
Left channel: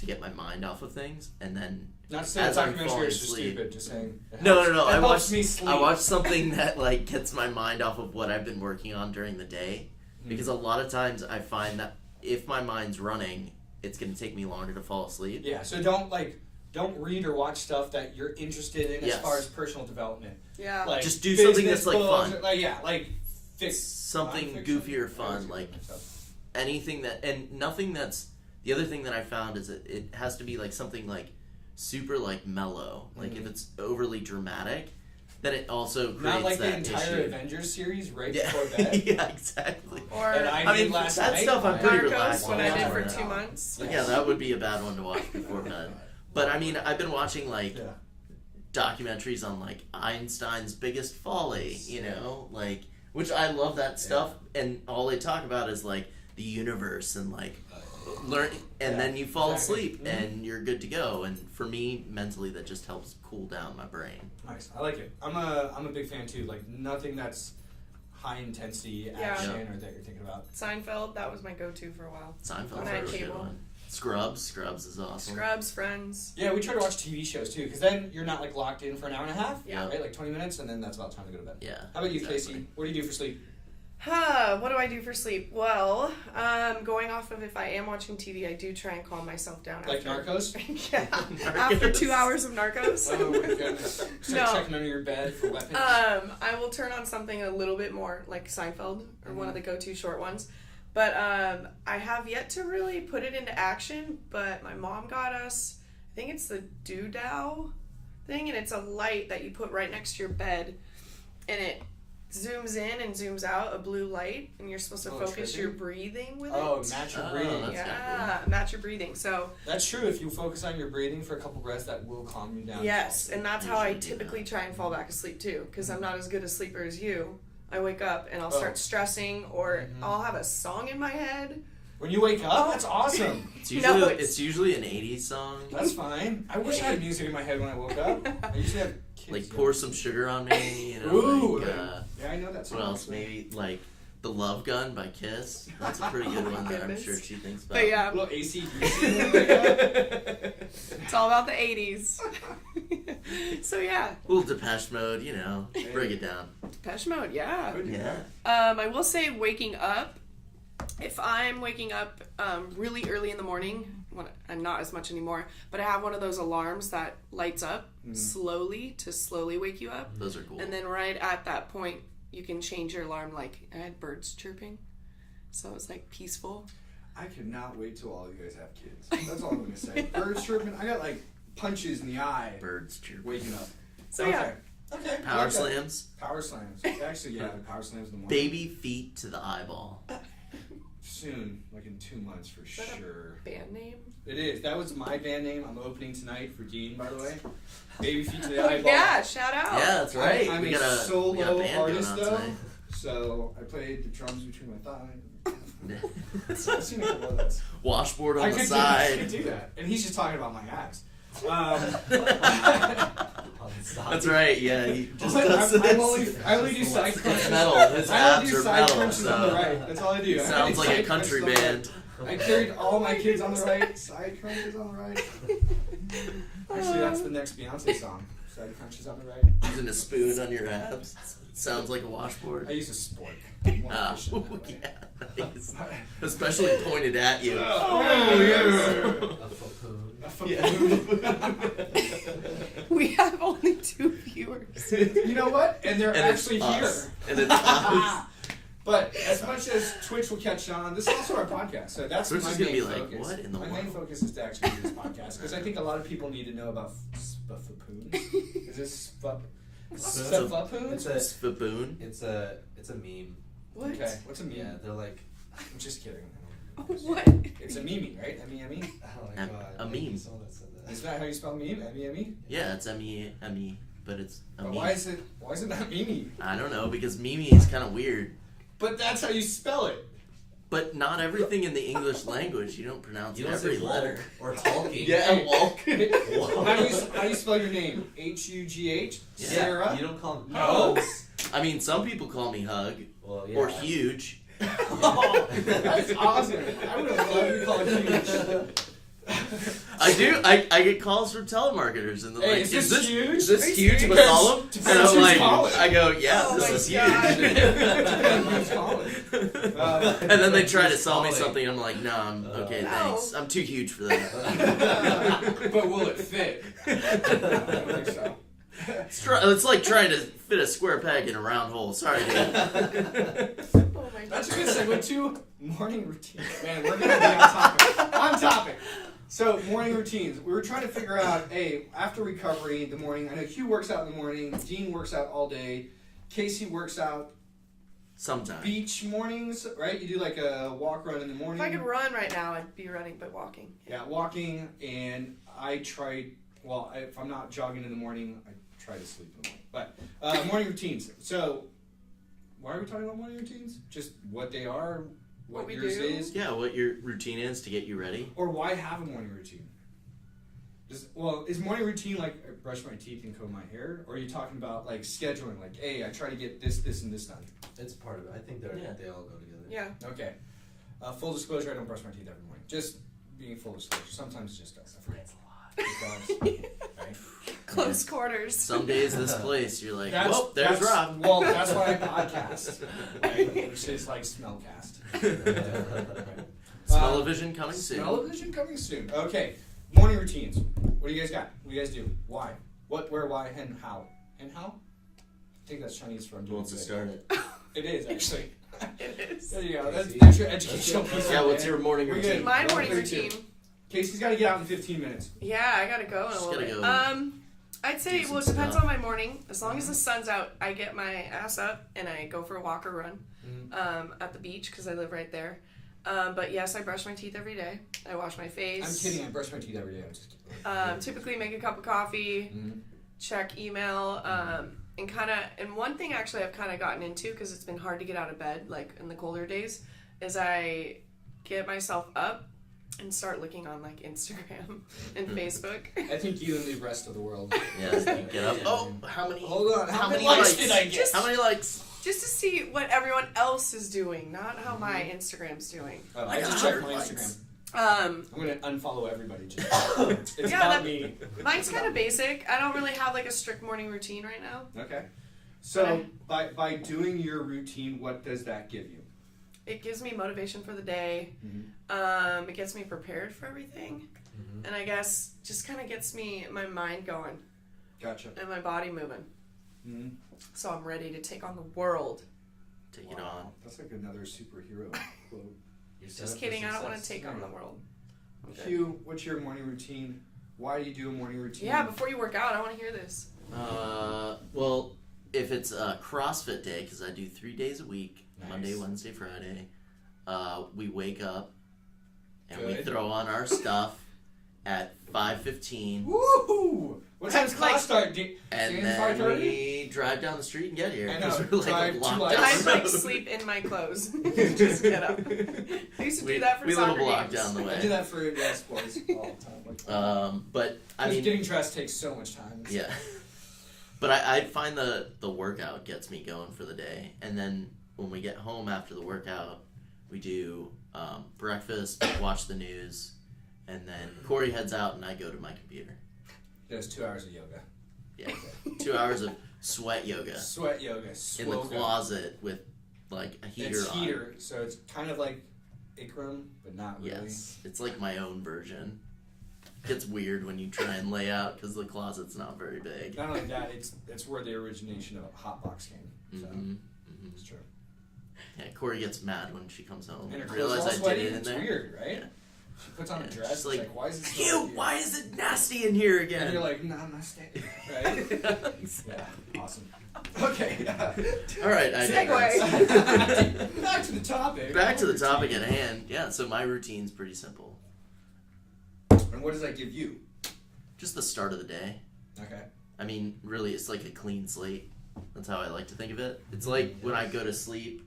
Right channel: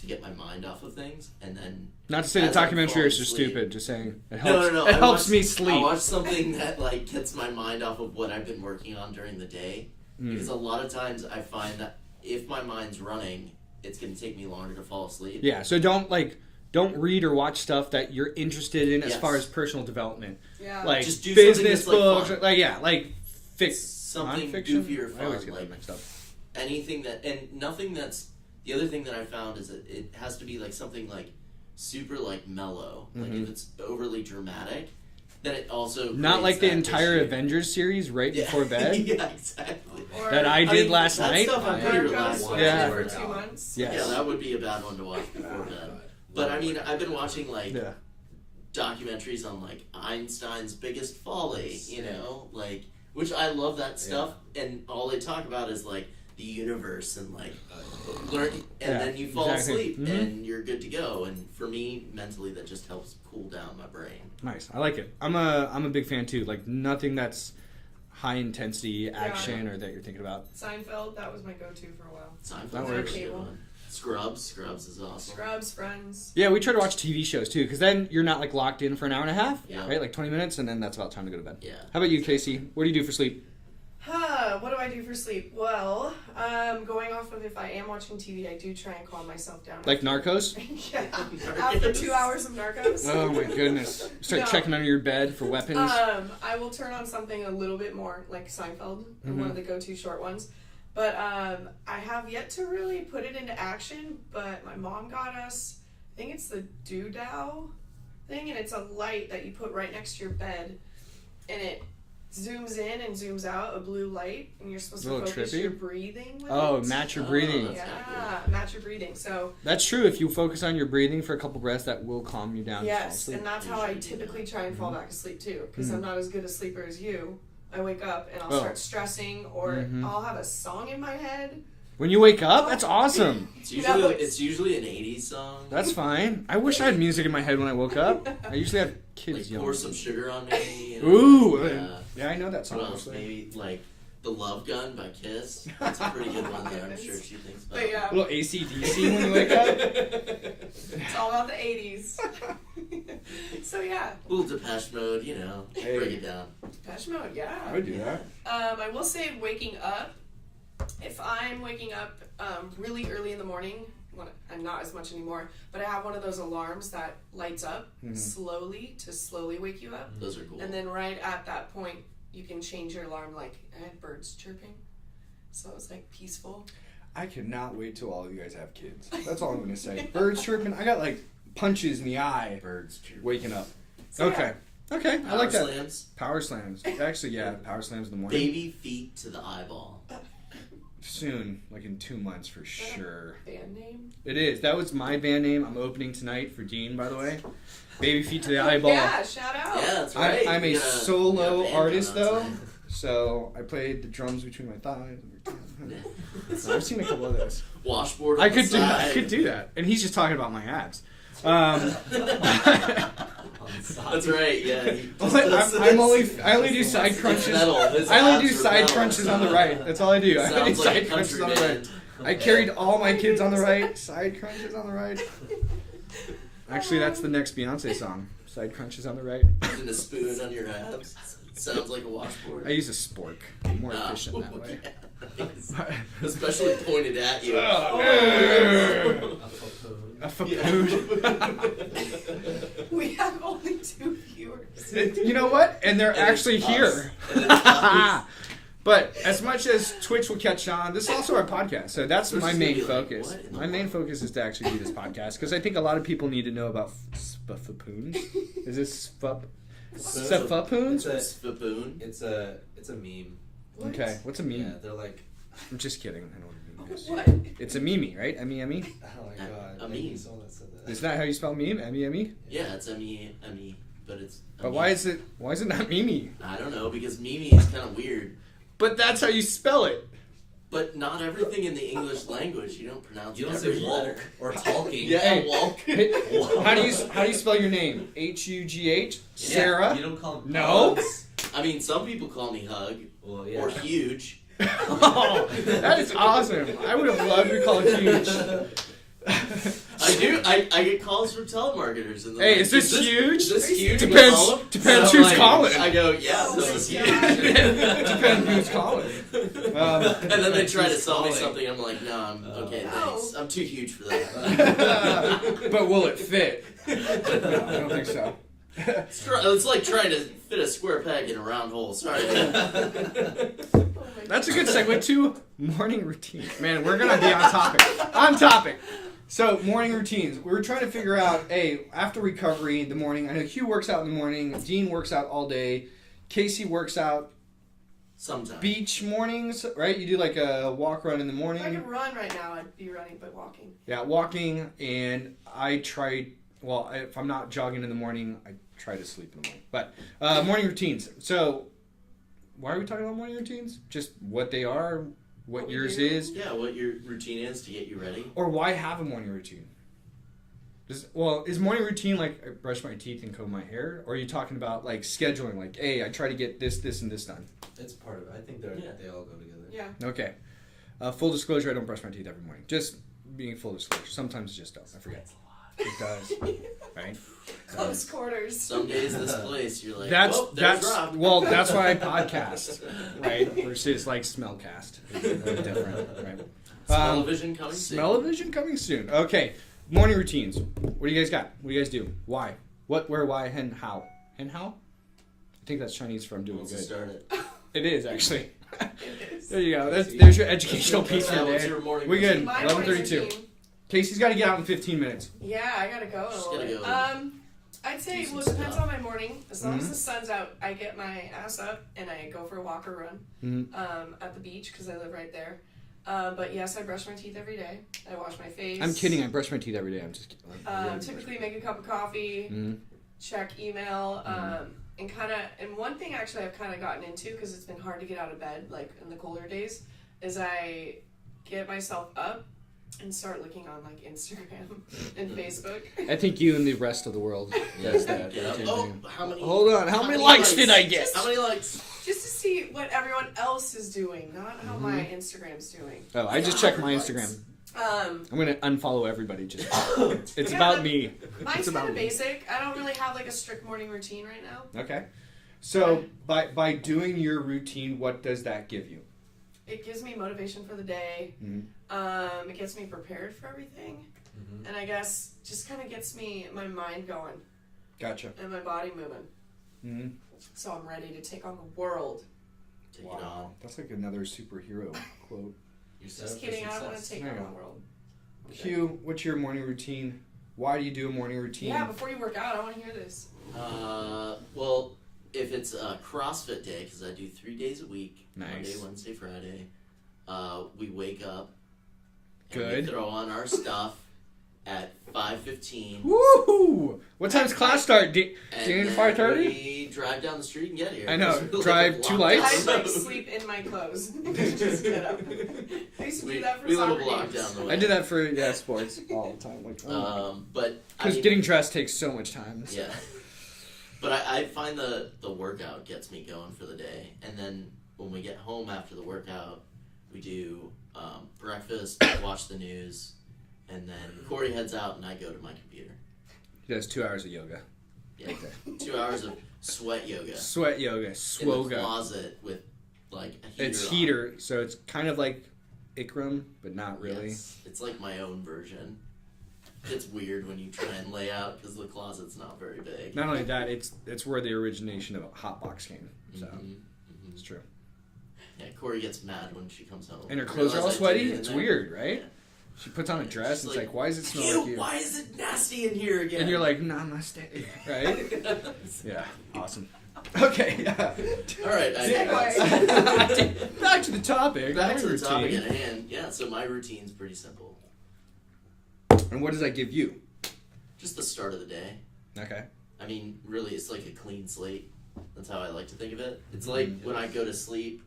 to get my mind off of things, and then. Not to say the as I'm documentary is falling just asleep- stupid. Just saying. It No, helps, no. It I helps watch, me sleep. I watch something that like gets my mind off of what I've been working on during the day, because a lot of times I find that if my mind's running, it's going to take me longer to fall asleep. Yeah. So don't read or watch stuff that you're interested in as Yes. far as personal development. Yeah. Like Just do something business that's, like, books. fun. Like Something nonfiction? goofier I always fun, get like that mixed up. anything that, and nothing that's. The other thing that I found is that it has to be like something like super like mellow. Like if it's overly dramatic, then it also Not creates like the that entire issue. Avengers series right Yeah. before bed. Yeah, exactly. Or That I did last that night. stuff I'm pretty Narcos, relaxed watch with. Yeah. it for 2 months. Yes. Yeah, that would be a bad one to watch before bed. But I mean, I've been watching like Yeah. documentaries on like Einstein's biggest folly, you know, like which I love that stuff, and all they talk about is like the universe and like learn, and Yeah, then you fall exactly. asleep Mhm. and you're good to go. And for me, mentally, that just helps cool down my brain. Nice. I like it. I'm a big fan too. Like nothing that's high intensity action or that you're thinking about. Seinfeld, that was my go-to for a while. Seinfeld's That a works. really good one. Scrubs is awesome. Scrubs, Friends. Yeah, we try to watch TV shows too, because then you're not like locked in for an hour and a half, Yeah. right? Like 20 minutes, and then that's about time to go to bed. Yeah. How about you, exactly. Casey? What do you do for sleep? What do I do for sleep? Well, going off of if I am watching TV, I do try and calm myself down. Like Narcos? Yeah. After 2 hours of Narcos. Oh my goodness! Start No. checking under your bed for weapons. I will turn on something a little bit more like Seinfeld, one of the go-to short ones. But I have yet to really put it into action. But my mom got us, I think it's the Doodow thing, and it's a light that you put right next to your bed, and it zooms in and zooms out, a blue light, and you're supposed A to little focus trippy. your breathing with Oh, it. match your Oh, breathing. that's Yeah, match your breathing. So That's true. If you focus on your breathing for a couple breaths, that will calm you down. yes, and that's how I Usually do typically that. try and fall back asleep too, because Mhm. I'm not as good a sleeper as you. I wake up and I'll Oh. start stressing, or Mhm. I'll have a song in my head. When you wake up, that's awesome. It's usually, No, it's usually an 80s song. That's fine. I wish I had music in my head when I woke up. I usually have kids. like yelling. Pour Some Sugar on Me. You know, Ooh. like, Yeah, I know that song. what else? actually. Maybe like The Love Gun by Kiss. That's a pretty good one that I'm sure she thinks about. But yeah, A little AC/DC when you wake up. it's all about the 80s. So yeah, A little Depeche Mode, you know, Hey. break it down. Depeche Mode, yeah. I would do that. I will say waking up, if I'm waking up really early in the morning, and not as much anymore, but I have one of those alarms that lights up slowly to slowly wake you up. Those are cool. And then right at that point, you can change your alarm. Like, I had birds chirping, so it was like peaceful. I could not wait till all you guys have kids. That's all I'm gonna say. Birds chirping. I got like punches in the eye Birds chirp. waking up. So, Okay. Okay. I Power like that. slams. Power slams. Actually, yeah, power slams in the morning. Baby feet to the eyeball. Soon, like in 2 months for sure. Band name? It is. That was my band name. I'm opening tonight for Dean, by the way. Baby feet to the eyeball. Yeah, shout out. Yeah, that's right. I'm We a got we got a solo band artist going on though, tonight. so I played the drums between my thighs. So I've seen a couple of those. Washboard on I the could do. side. I could do that, and he's just talking about my abs. That's right. Yeah. he just does I only do it's side crunches. metal. His I only abs do are side metal. crunches on the right. That's all I do. I do Sounds like side a country crunches on the right. band. I carried all my kids on the right. Side crunches on the right. Actually, that's the next Beyonce song. Side crunches on the right. Using a spoon on your abs. Sounds like a washboard. I use a spork. More Ah, efficient that way. yeah, nice. Especially pointed at you. A Yeah. We have only 2 viewers. You know what? And they're And actually it's here. us. And it's us. But as much as Twitch will catch on, this is also our podcast. So that's Twitch my is gonna main be like, focus. what in the My main world? focus is to actually do this podcast because I think a lot of people need to know about spuffapoons. Is this spuffapoons? It's baboon. It's a meme. What? Okay, what's a meme? Yeah, they're like I'm just kidding. I know what What? It's a meme, right? M-E-M-E? Oh my god. A meme. Someone that said that. Is that how you spell meme? M-E-M-E? Yeah, it's M-E-M-E, but it's a But meme. why is it not meme? I don't know, because Mimi is kind of weird. But that's how you spell it. But not everything in the English language, you don't pronounce You don't every say letter. walk or talking. Yeah, walk. How do you spell your name? H-U-G-H? Sarah? You don't call him No. Hugs. I mean, some people call me Hug Well, yeah. or Huge. Oh, that is awesome. I would have loved to call it huge. I do. I get calls from telemarketers and they're Hey, like, is this huge? Is this huge? Depends- With all of them? depends And I'm who's like, calling. I go, yeah, Oh this my is God. huge. Depends who's calling. And then they try to sell me calling. something. I'm like, no, I'm okay, No. thanks. I'm too huge for that. But will it fit? No, I don't think so. It's like trying to fit a square peg in a round hole. Sorry. Oh my That's a good segue to morning routine. Man, we're gonna be on topic. On topic. So morning routines. We were trying to figure out, hey, after recovery, the morning. I know Hugh works out in the morning. Dean works out all day. Casey works out Sometimes. beach mornings, right? You do like a walk run in the If I morning. could run right now, I'd be running, but walking. Yeah, walking, and I try. Well, if I'm not jogging in the morning, I try to sleep in the morning. But morning routines. So, why are we talking about morning routines? Just what they are, what What we yours do? is, Yeah, what your routine is to get you ready. or why have a morning routine? Is morning routine like I brush my teeth and comb my hair, or are you talking about like scheduling? Like, hey, I try to get this, and this done. It's part of it. I think they all go together. Yeah. Okay. Full disclosure: I don't brush my teeth every morning. Just being full disclosure. Sometimes it's just don't. I forget. Because, right? Close quarters. Some days this place, you're like, That's well, there's Rob. well, that's why I podcast, right? Versus like smellcast. Right? Smell-o-vision coming soon. Smell-o-vision coming soon. Okay, morning routines. What do you guys got? What do you guys do? Why? What? Where? Why? And how? And how? I think that's Chinese for I'm Who doing wants to good. start it? It is actually. It is. There you go. There's your educational piece Yeah, right what's there. your morning We routine? good. My Level morning 32. routine. Casey's got to get out in 15 minutes. Yeah, I gotta go in a She's little gotta bit. go. I'd say, Do well, it some depends stuff. on my morning. As long Mhm. as the sun's out, I get my ass up and I go for a walk or run Mhm. at the beach because I live right there. But yes, I brush my teeth every day. I wash my face. I'm kidding. I brush my teeth every day. I'm just kidding. Typically make a cup of coffee, Mhm. check email, and one thing actually I've kind of gotten into because it's been hard to get out of bed, like in the colder days, is I get myself up and start looking on like Instagram and Facebook. I think you and the rest of the world. Yeah, get up. Yeah. Oh, how many? Hold on. How many many likes did I get? How many likes? Just to see what everyone else is doing, not how my Mm-hmm. Instagram's doing. Oh, I just checked my 100 Instagram. Um, I'm gonna unfollow everybody. Just. It's Yeah, about that- me. mine's It's about kind of me. basic. I don't really have like a strict morning routine right now. Okay. So by doing your routine, what does that give you? It gives me motivation for the day. Mhm. It gets me prepared for everything, Mm-hmm. and I guess just kind of gets me my mind going Gotcha. and my body moving. Mm-hmm. So I'm ready to take on the world. Take it on. That's like another superhero quote. You're set Just up for kidding. I don't want to success. take No, on no. the world. Hugh, what's your morning routine? Why do you do a morning routine? Yeah, before you work out, I want to hear this. Well, if it's a CrossFit day, because I do 3 days a week, Nice. Monday, Wednesday, Friday, we wake up and we Good. throw on our stuff at 5:15, Woohoo! What time's That's class like- start? and Dinner then 5:30? we drive down the street and get here. I know. 'cause we're, Drive like, 2 locked lights. down I the like road. sleep in my clothes. Just get up. I used to do that for we live soccer a block games. down the way. I do that for sports all the time. But I Because mean, getting dressed takes so much time. yeah. But I find the workout gets me going for the day, and then when we get home after the workout, we do breakfast, watch the news, and then Corey heads out and I go to my computer. He does 2 hours of yoga. Yeah, 2 hours of sweat yoga Sweat yoga. in the Swoga. closet with like a heater. It's on. heater, so it's kind of like Ikram, but not really. Yes, it's like my own version. It's weird when you try and lay out because the closet's not very big. Not only that, it's where the origination of a hotbox came. So Mhm. it's true. Yeah, Corey gets mad when she comes home. And her clothes are all Realize I did sweaty. it in It's there. weird, right? She puts on a dress. She's It's like, why does it smell Ew, like you? why is it nasty in here again? And you're like, namaste, right? Yeah, awesome. Okay. All right. Segue. Back to the topic. Back to the routine. topic at hand. Yeah, so my routine's pretty simple. And what does that give you? Just the start of the day. Okay. I mean, really, it's like a clean slate. That's how I like to think of it. It's like when I go to sleep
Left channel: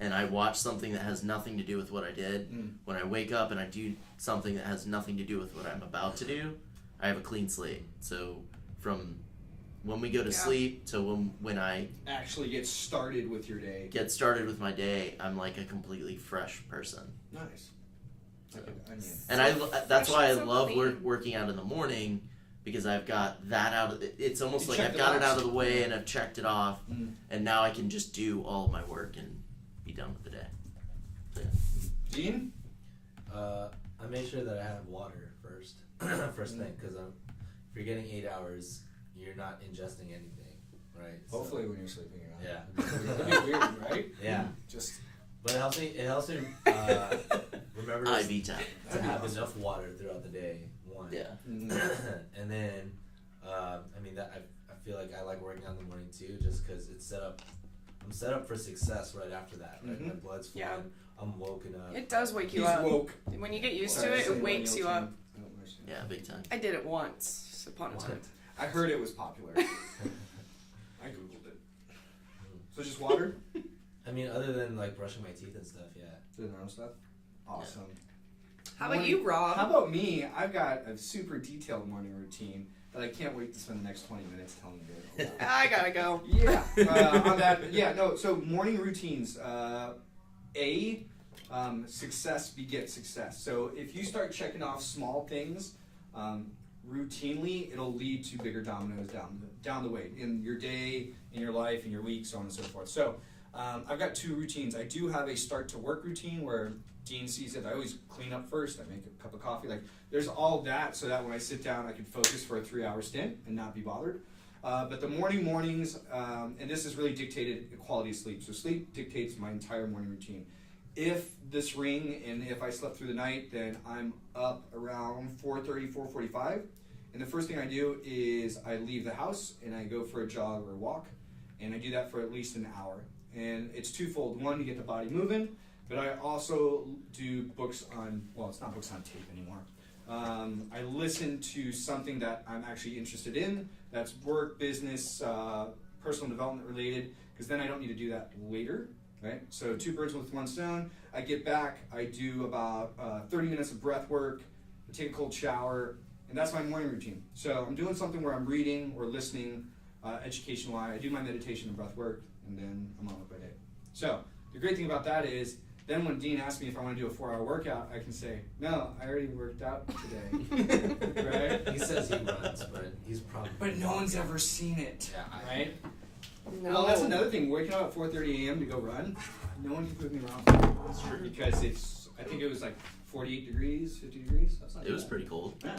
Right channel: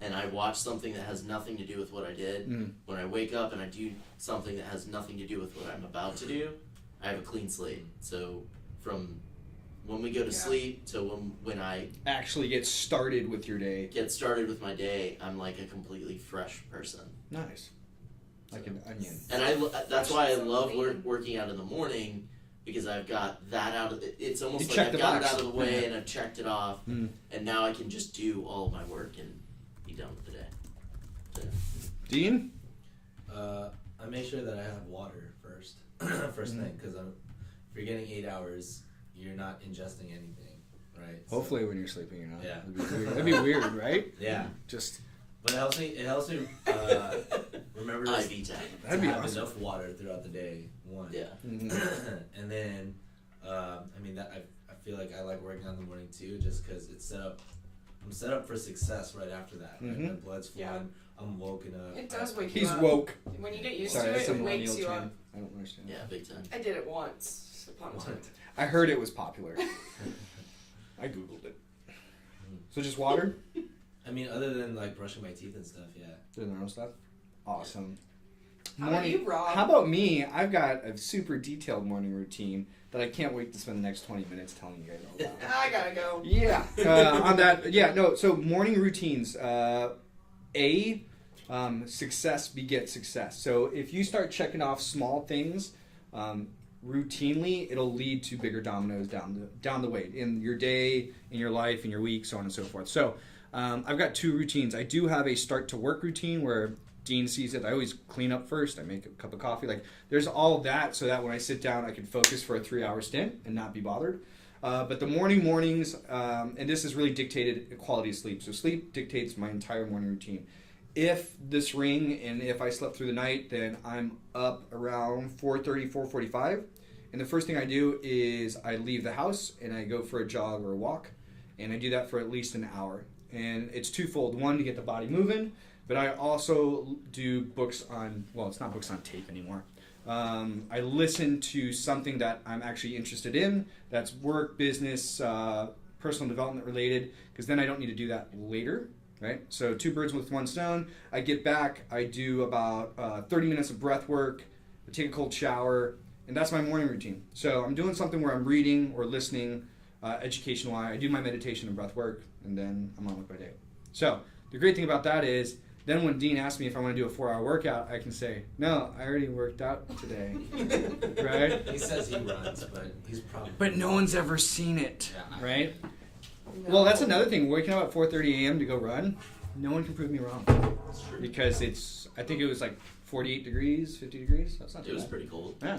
and I watch something that has nothing to do with what I did. When I wake up and I do something that has nothing to do with what I'm about to do, I have a clean slate. So from when we go to sleep to when I Actually get started with your day. get started with my day, I'm like a completely fresh person. Nice. Like an onion. And that's why I So love clean. working out in the morning, because I've got that out of it's almost You like checked I've the got it box. out of the way and I've checked it off, Mm. and now I can just do all of my work and be done with the day. So, Dean? I make sure that I have water first, first thing, because if you're getting 8 hours, you're not ingesting anything, right? So- Hopefully when you're sleeping you're not. Yeah. That'd be weird, right? Yeah, Just but it helps me remember to IV time. that'd be have awesome. enough water throughout the day. One. Yeah. And then, I mean, that I feel like I like working out in the morning too, just because it's set up. I'm set up for success right after that. Right, my blood's flowing. Yeah. I'm woken up. It does wake you He's up. woke. When you get used Sorry, to that's it, a it wakes you millennial up. term. I don't understand. Yeah, big time. I did it once upon a time. I heard it was popular. I googled it. So just water? I mean, other than like brushing my teeth and stuff, yeah. Doing their own stuff? Awesome. How about you, Rob? How about me? I've got a super detailed morning routine that I can't wait to spend the next 20 minutes telling you guys all about. I gotta go. Yeah, on that. Yeah, no. So morning routines. Success begets success. So if you start checking off small things routinely, it'll lead to bigger dominoes down the way in your day, in your life, in your week, so on and so forth. So I've got two routines. I do have a start to work routine where Dean sees it. I always clean up first. I make a cup of coffee. Like there's all of that so that when I sit down, I can focus for a 3-hour stint and not be bothered. But the mornings, and this is really dictated quality of sleep. So sleep dictates my entire morning routine. If this ring and if I slept through the night, then I'm up around 4:30, 4:45. And the first thing I do is I leave the house and I go for a jog or a walk. And I do that for at least an hour. And it's twofold. One, to get the body moving. But I also do books on, well, it's not books on tape anymore. I listen to something that I'm actually interested in. That's work, business, personal development related. Because then I don't need to do that later. Right? So 2 birds with 1 stone. I get back, I do about 30 minutes of breath work, I take a cold shower, and that's my morning routine. So I'm doing something where I'm reading or listening, education-wise. I do my meditation and breath work, and then I'm on with my day. So the great thing about that is, then when Dean asks me if I want to do a 4-hour workout, I can say, no, I already worked out today. Right? He says he runs, but he's probably. But no one's ever seen it, Yeah, right? No. Well, that's another thing. Waking up at 4:30 a.m. to go run, no one can prove me wrong. That's true. Because I think it was like 48 degrees, 50 degrees. That's not It too was bad. pretty cold. Yeah.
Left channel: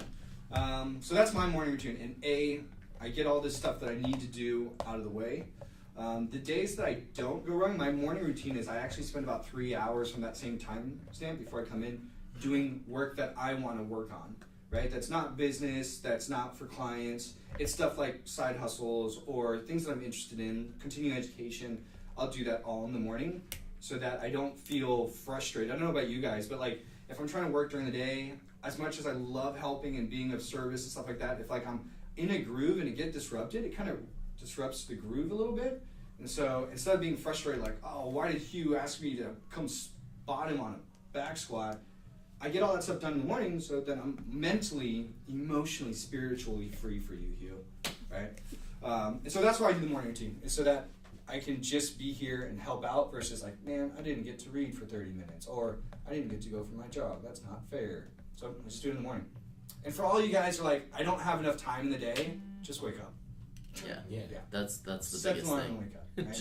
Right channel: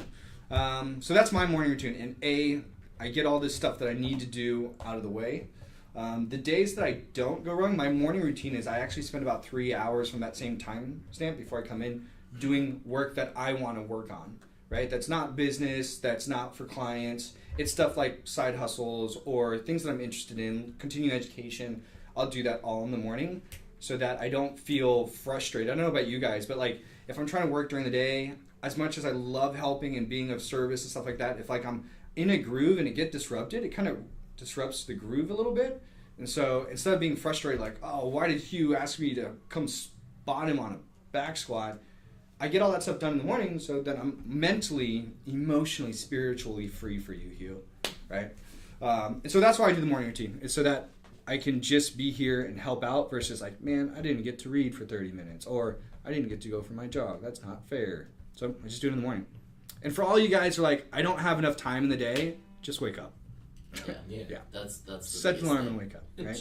So that's my morning routine. And I get all this stuff that I need to do out of the way. The days that I don't go running, my morning routine is I actually spend about 3 hours from that same time stamp before I come in doing work that I want to work on. Right? That's not business. That's not for clients. It's stuff like side hustles or things that I'm interested in, continuing education. I'll do that all in the morning so that I don't feel frustrated. I don't know about you guys, but like if I'm trying to work during the day, as much as I love helping and being of service and stuff like that, if like I'm in a groove and it gets disrupted, it kind of disrupts the groove a little bit. And so instead of being frustrated like, oh, why did Hugh ask me to come spot him on a back squat? I get all that stuff done in the morning so that I'm mentally, emotionally, spiritually free for you, Hugh, right? And so that's why I do the morning routine. It's so that I can just be here and help out versus like, man, I didn't get to read for 30 minutes or I didn't get to go for my jog. That's not fair. So I just do it in the morning. And for all you guys who are like, I don't have enough time in the day, just wake up. Yeah. Yeah. That's the Set the biggest alarm thing. and wake up, right?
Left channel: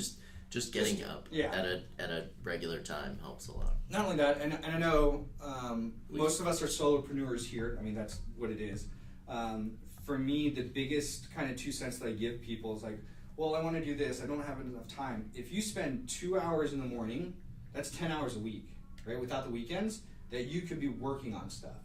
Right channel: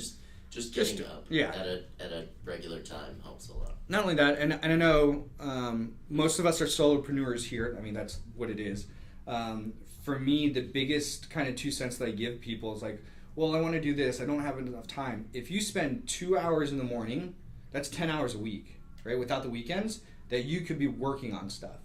just getting up yeah. at a regular time helps a lot. Not only that, and I know most of us are solopreneurs here. I mean, that's what it is. For me, the biggest kind of 2 cents that I give people is like, well, I want to do this. I don't have enough time. If you spend 2 hours in the morning, that's 10 hours a week, right? Without the weekends, that you could be working on stuff.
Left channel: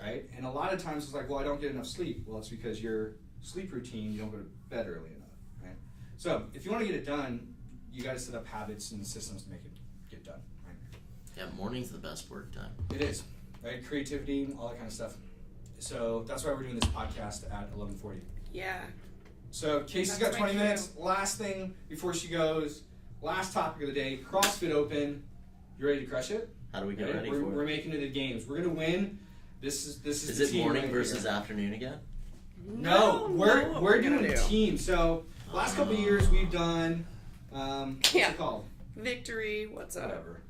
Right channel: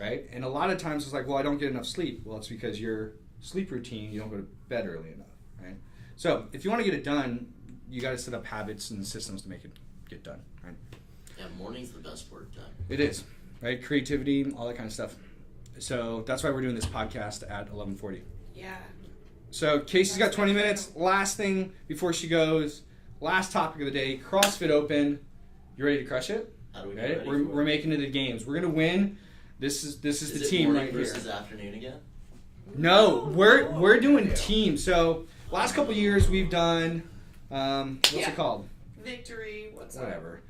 right? And a lot of times it's like, well, I don't get enough sleep. Well, it's because your sleep routine, you don't go to bed early enough, right? So if you want to get it done, you got to set up habits and systems to make it get done, right? Yeah, morning's the best work time. It is, right? Creativity, all that kind of stuff. So that's why we're doing this podcast at 11:40. Yeah. So Casey's got 20 minutes. Last thing before she goes, last topic of the day, CrossFit Open. You ready to crush it? How do we get Right? ready? We're making it the games. We're gonna win. This is the it team morning right versus here. afternoon again? No, we're doing teams. So last couple of years we've done what's Yeah. it called? Victory. What's up? Whatever.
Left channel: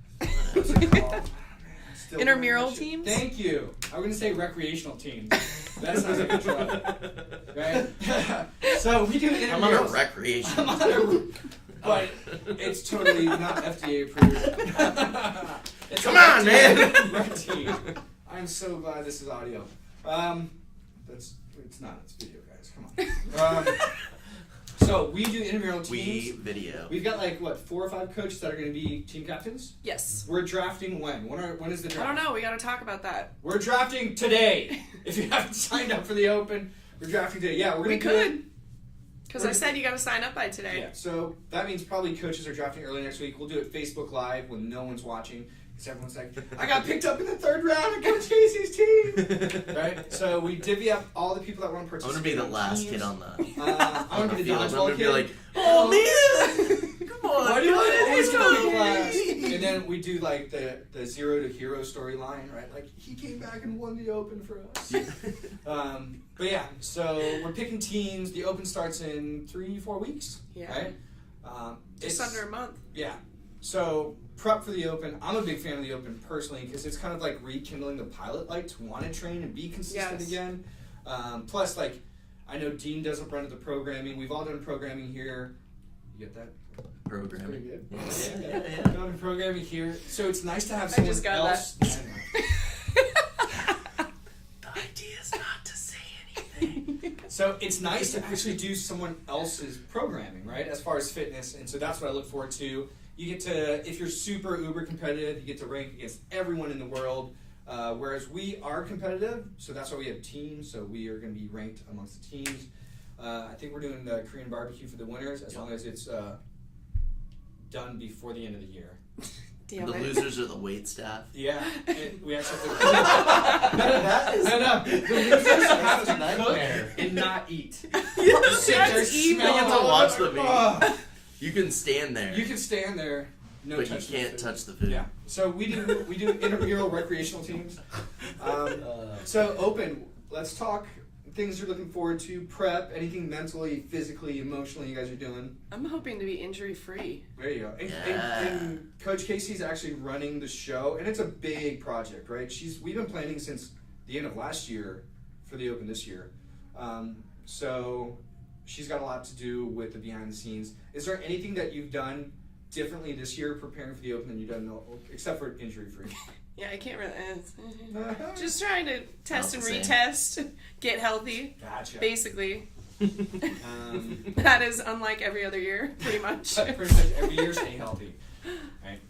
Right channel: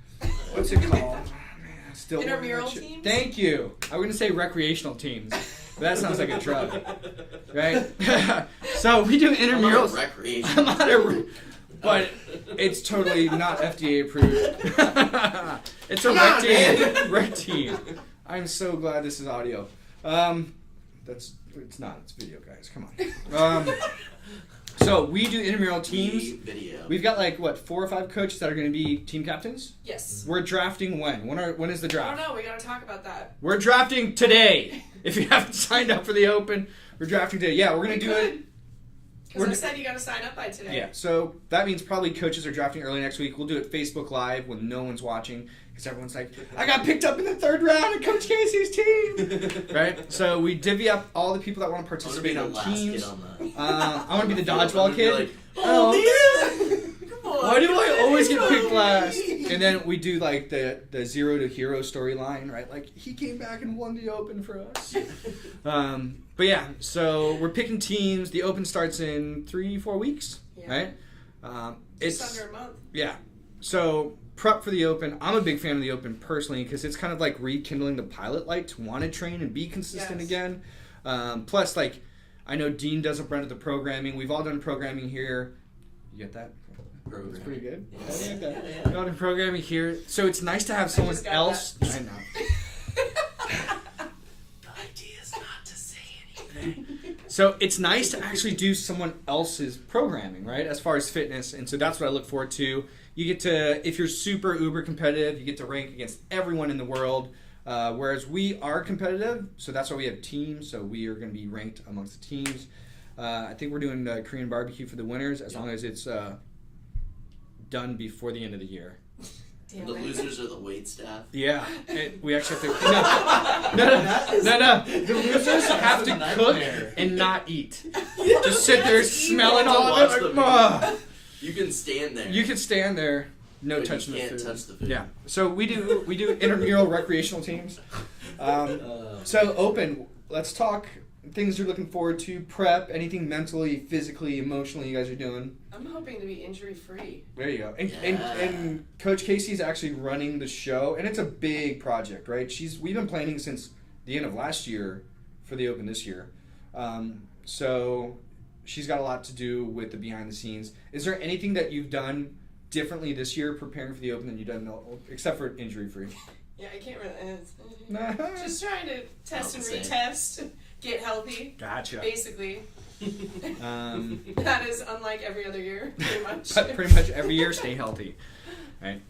What's it called? Still Intramural learning that shit. teams? Thank you. I was gonna say recreational teams. That sounds like a drug, right? So we do I'm intramurals. on a recreation. I'm on a, but it's totally not FDA approved. It's a Come on, man. Red team. I'm so glad this is audio. It's not. It's video, guys. Come on. So we do intramural teams. Video. We've got 4 or 5 coaches that are going to be team captains. Yes. We're drafting when? When is the I draft? don't know. We got to talk about that. We're drafting today. If you haven't signed up for the Open, we're drafting today. Yeah, we're going to do it. Because I said you got to sign up by today. Yeah, so that means probably coaches are drafting early next week. We'll do it Facebook Live when no one's watching because everyone's like, I got picked up in the 3rd round of Coach Casey's team. Right? So we divvy up all the people that want to I'm gonna be participate the on last teams. kid on that. I want to be the I'm dodgeball gonna be kid. like, oh man! Come on! Why do I always get picked me? last? And then we do the zero to hero storyline, right? Like he came back and won the Open for us. But yeah, so we're picking teams. The Open starts in 3-4 weeks, Yeah. right? Just under a month. Yeah. So prep for the Open. I'm a big fan of the Open personally because it's kind of like rekindling the pilot light to want to train and be consistent Yes. again. Plus, I know Dean does a brunt of the programming. We've all done programming here. You get that? Program. It's pretty good. Yeah. Done programming here. So it's nice to have I someone just got else. that. I know. The idea is not to say anything. So it's nice to actually do someone else's programming, right? As far as fitness, and so that's what I look forward to. You get to, if you're super uber competitive, you get to rank against everyone in the world. Whereas we are competitive, so that's why we have teams. So we are going to be ranked amongst the teams. I think we're doing Korean barbecue for the winners, as long as it's done before the end of the year. The losers are the wait staff. Yeah, and we actually have to. No. The losers have to cook and not eat. Just sit there smelling all Watch of the it. video. Ugh. You can stand there. You can stand there, no but touching you the can't food. touch the food. Yeah. So we do intramural recreational teams. So Open. Let's talk things you're looking forward to. Prep. Anything mentally, physically, emotionally you guys are doing. I'm hoping to be injury free. There you go. And, Yeah. and Coach Casey's actually running the show, and it's a big project, right? We've been planning since the end of last year for the Open this year. So she's got a lot to do with the behind the scenes. Is there anything that you've done differently this year preparing for the Open than you've done except for injury free? Yeah, I can't really. Just trying to test and Not the retest, get healthy. Gotcha. Basically, But that is unlike every other year, pretty much. pretty much every year, stay healthy. Right.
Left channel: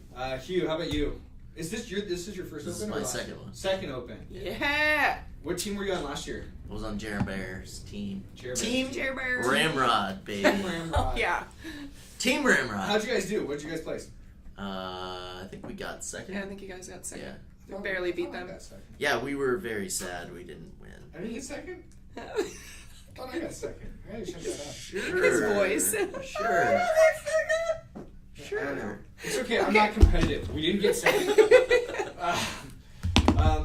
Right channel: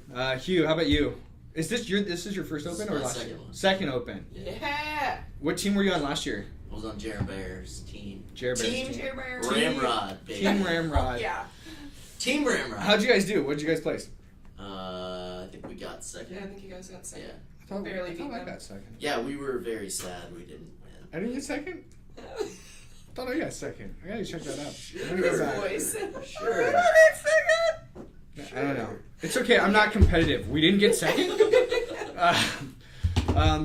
Hugh, how about you? Is this your first This Open is or my last second year? one. Second Open. Yeah. What team were you on last year? I was on Jared Bear's team. Jared Team Bears. Jerry Bear. Ramrod, baby. Team Ramrod. Yeah. Team Ramrod. How'd you guys do? What did you guys place? I think we got second. Yeah, I think you guys got second. Yeah. I Barely beat I them. got second. Yeah, we were very sad we didn't win. I didn't get second? I thought I got second. I gotta check that out. His voice. Sure. I don't know. It's okay. I'm not competitive. We didn't get second.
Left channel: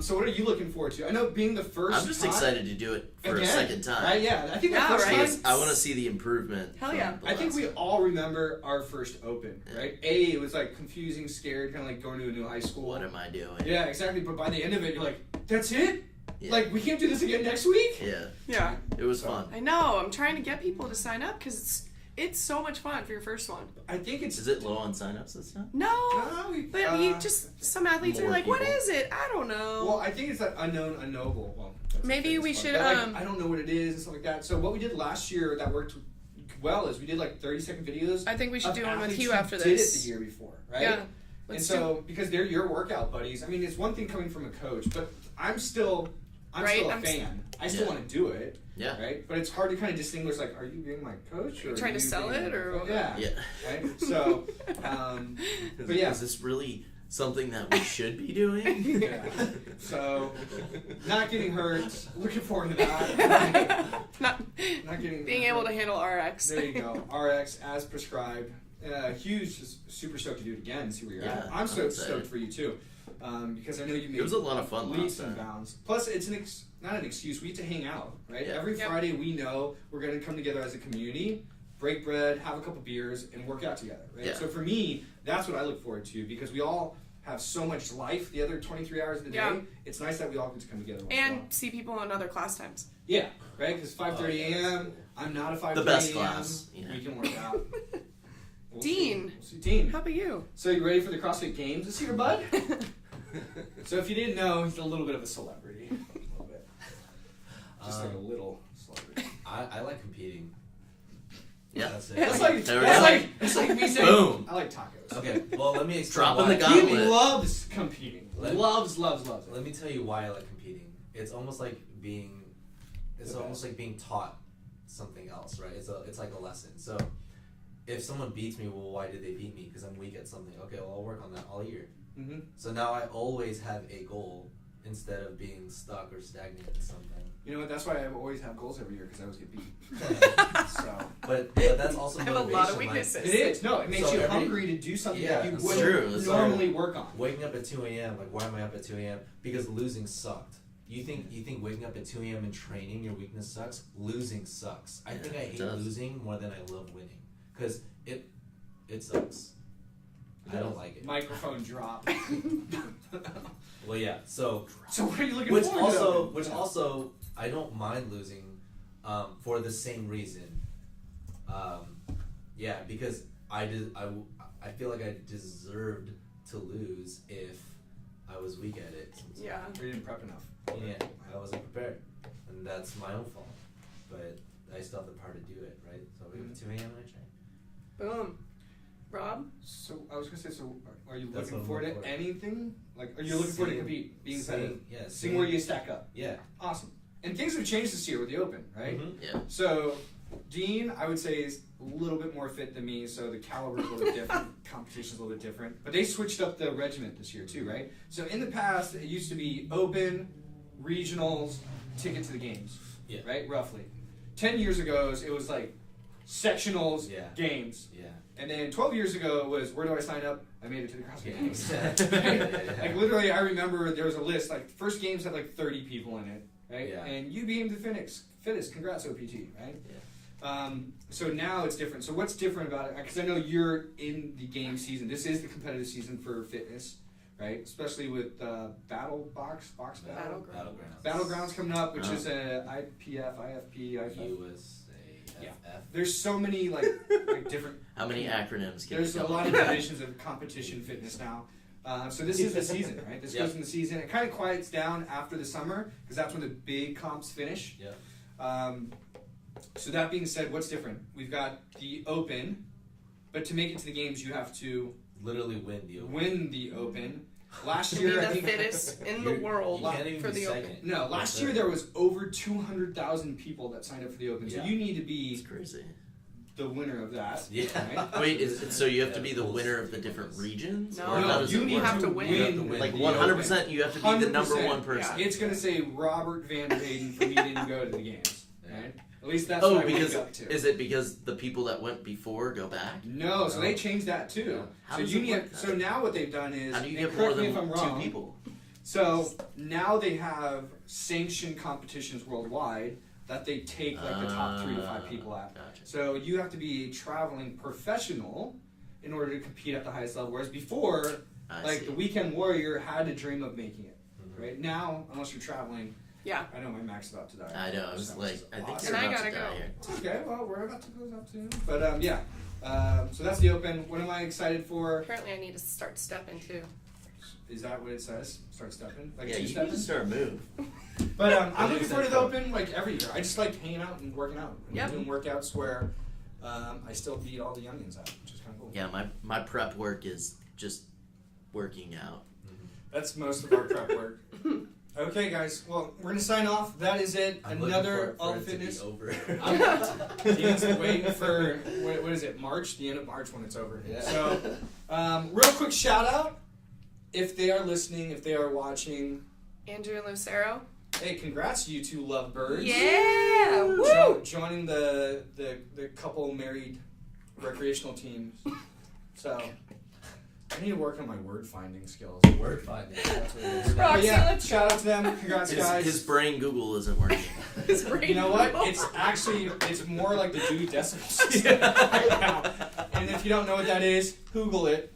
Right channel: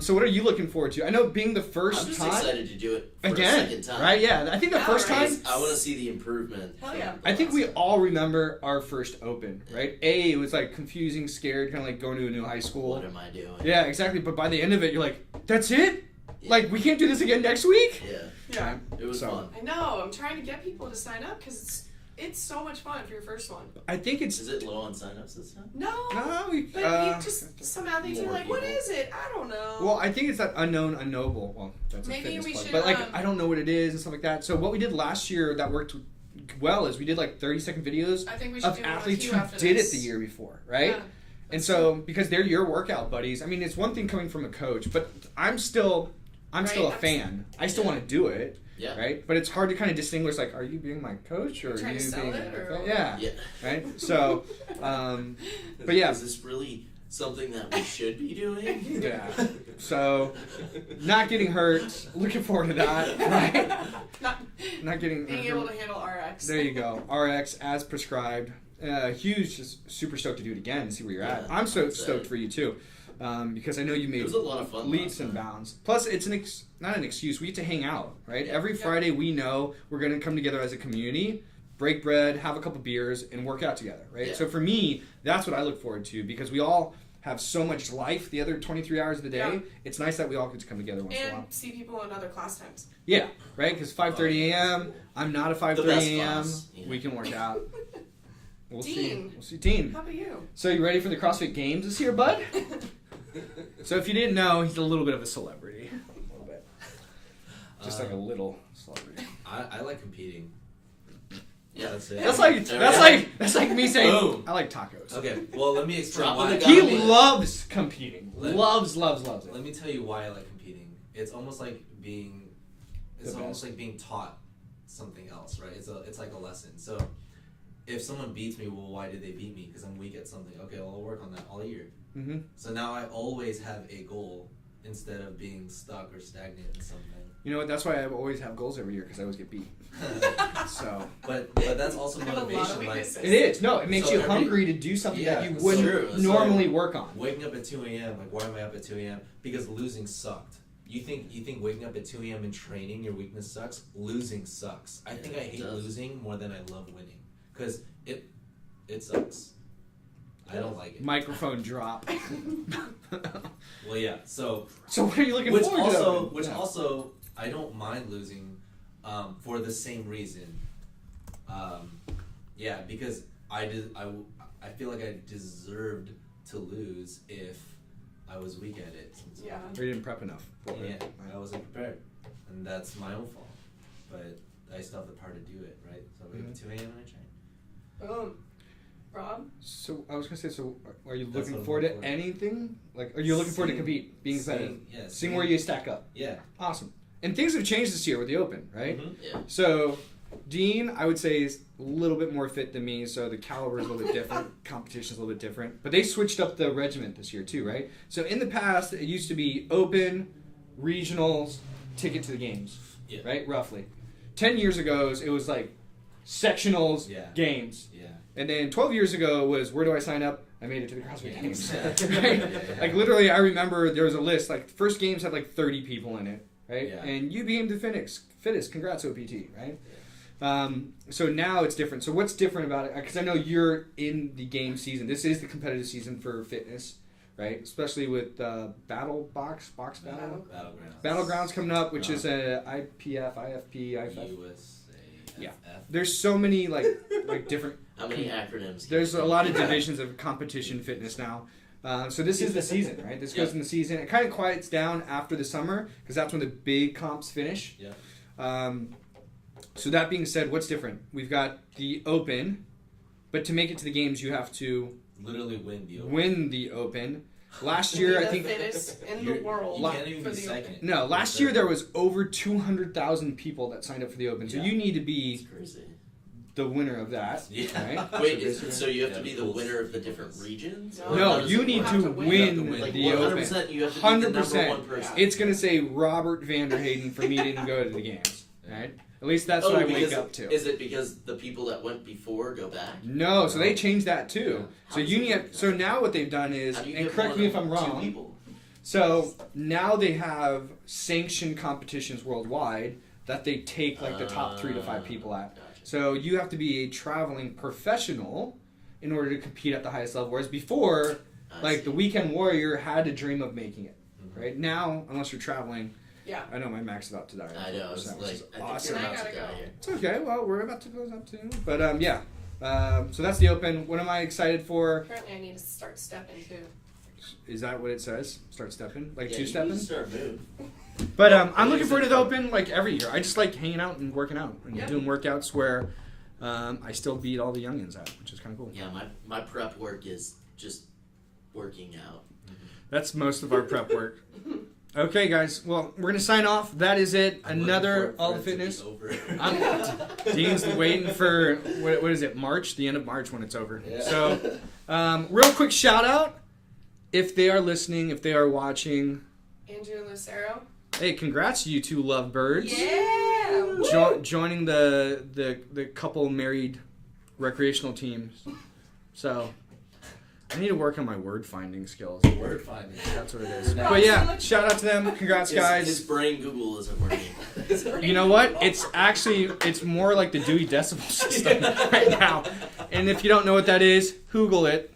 So what are you looking forward to? I know being the first I'm just time excited to do it for again, a second time. right? Yeah, I think the All first right. time. I want to see the improvement. Hell yeah. I think we all remember our first Open, right? It was like confusing, scared, kind of like going to a new high school. What am I doing? Yeah, exactly. But by the end of it, you're like, that's it? Yeah. Like, we can't do this again next week? Yeah. Yeah. It was So- fun. I know. I'm trying to get people to sign up because it's so much fun for your first one. I think it's. Is it low on signups this time? No. No, But you just some athletes are more like, what people. is it? I don't know. Well, I think it's that unknown, unknowable. Well, that's a Maybe fitness we part. should, But like, I don't know what it is and stuff like that. So what we did last year that worked well is we did like 30-second videos I think we should of do one with athletes you who after did this. it the year before, right? Yeah. And Let's so because they're your workout buddies. I mean, it's one thing coming from a coach, but I'm still I'm Right? still a fan. I still Yeah. want to do it. Yeah. Right. But it's hard to kind of distinguish. Like, are you being my coach or You're trying are to you sell being it, or- yeah. Yeah. Right. So, but yeah. Is this really something that we should be doing? Yeah. So, not getting hurt. Looking forward to that. Right? Not getting Being able to handle RX. There you go. RX as prescribed. Huge, just super stoked to do it again and see where you're at. Yeah, I'm so I'm excited. stoked for you too, because I know you made It was a lot of fun leaps last and time. bounds. Plus, it's not an excuse. We get to hang out, right? Yeah. Every Yeah. Friday, we know we're going to come together as a community, break bread, have a couple beers, and work out together, right? Yeah. So for me, that's what I look forward to because we all have so much life the other 23 hours of the day. Yeah. It's nice that we all get to come together once in a while. And see people in other class times. Yeah, right? Because 5:30 a.m., I'm not a 5:30 best a.m. class, yeah. We can work out. We'll Dean. We'll see. Dean. How about you? So you ready for the CrossFit Games this year, bud? So if you didn't know, he's a little bit of a celebrity. A little bit. Just like a little celebrity. I like competing. Yeah. That's it. That's like me saying Boom. I like tacos. Okay, well, let me explain Dropping why. the He gauntlet. loves competing. Loves it. Let me tell you why I like competing. It's almost like being, The best. being taught something else, right? It's like a lesson. So if someone beats me, well, why did they beat me? Because I'm weak at something. Okay, well, I'll work on that all year. Mm-hmm. So now I always have a goal instead of being stuck or stagnant in something. You know what? That's why I always have goals every year because I always get beat. So But that's also I have a lot of motivation. Like weaknesses. it is. No, it makes So you every- hungry to do something Yeah, that you it's wouldn't true. It's normally work on. waking up at 2 a.m. Like, why am I up at 2 a.m.? Because losing sucked. You think waking up at 2 a.m. and training your weakness sucks? Losing sucks. I think I it hate does. losing more than I love winning because it sucks. I don't like it. Microphone drop. Well, yeah. So So what are you looking which forward to? also I don't mind losing for the same reason. Yeah, because I feel like I deserved to lose if I was weak at it. Yeah. We didn't prep enough. Yeah, I wasn't prepared, and that's my own fault. But I still have the power to do it, right? So I wake up at 2 a.m. and I train. Boom. Rob? So I was gonna say, so are you That's looking what forward I'm to looking for. anything? Like, are you looking forward to compete, being competitive, seeing where you stack up? Yeah. Awesome. And things have changed this year with the Open, right? Mhm. Yeah. So Dean, I would say, is a little bit more fit than me, so the caliber is a little bit different. Competition's a little bit different. But they switched up the regiment this year too, right? So in the past, it used to be Open, regionals, ticket to the games, Yeah. right? Roughly. 10 years ago, it was like sectionals, Yeah. games. Yeah. And then 12 years ago was, where do I sign up? I made it to the CrossFit Games. Yeah. Right? Like literally, I remember there was a list, like first games had like 30 people in it, right? Yeah. And you became the fittest. Congrats, OPT, right? So now it's different. So what's different about it? Because I know you're in the game season. This is the competitive season for fitness, right? Especially with Battle Box Battle. Battlegrounds coming up, which is a IPF, IFP, IFF. USA. Yeah. FF. There's so many like different. How many acronyms? can There's you a spell? lot of divisions of competition fitness now. So this is the season, right? This goes in the season. It kind of quiets down after the summer because that's when the big comps finish. Yeah. So that being said, what's different? We've got the Open, but to make it to the games, you have to Literally win the Open. win the Open. Last Be year, I the think fittest in the world You can't even for be the second. Open. no. Last year there was over 200,000 people that signed up for the Open. So Yeah. you need to It's be crazy. the winner of that. Yeah. Right? Wait, so you have Yeah, to be the rules. winner of the different regions? No. Or how No, does you it need work? have to to win. win, You have to win. Like the 100%, Open. you have to be the number 100%. one person. It's gonna say Robert Vanderhayden for me to go to the games, right? At least that's Oh, what I because wake up to. is it because the people that went before go back? No, so they changed that too. How So does you it need. work? So now what they've done is, How do you and get correct more me if than I'm two wrong. people? So now they have sanctioned competitions worldwide that they take like the top 3 to 5 people at. Gotcha. So you have to be a traveling professional in order to compete at the highest level. Whereas before, I like see. the weekend warrior had to dream of making it. Mhm. Right now, unless you're traveling, Yeah. I know my Mac's about to die. I know. I was So like, this is I think awesome. you're And I about to gotta die go. here. It's okay. Well, we're about to close up soon. But yeah. So that's the Open. What am I excited for? Apparently I need to start stepping too. Is that what it says? Start stepping? Like Yeah, two you need stepping? to start moving. But I'm looking forward to the Open like every year. I just like hanging out and working out and Yep. doing workouts where I still beat all the youngins at, which is kind of cool. Yeah, my prep work is just working out. That's most of our prep work. Okay, guys. Well, we're gonna sign off. That is it. I'm Another looking for All it to be Fitness. over. Dean's waiting for what is it? March, the end of March when it's over. Yeah. So, real quick shout out if they are listening, if they are watching. Andrew and Lucero. Hey, congrats, you two lovebirds. Yeah. Woo! Joining the couple married recreational teams. So, I need to work on my word finding skills. Word finding. That's what it is. No, But yeah, it's shout out to them. Congrats, guys. His brain Google isn't working. You know what? It's more like the Dewey Decimal System right now. And if you don't know what that is, Google it.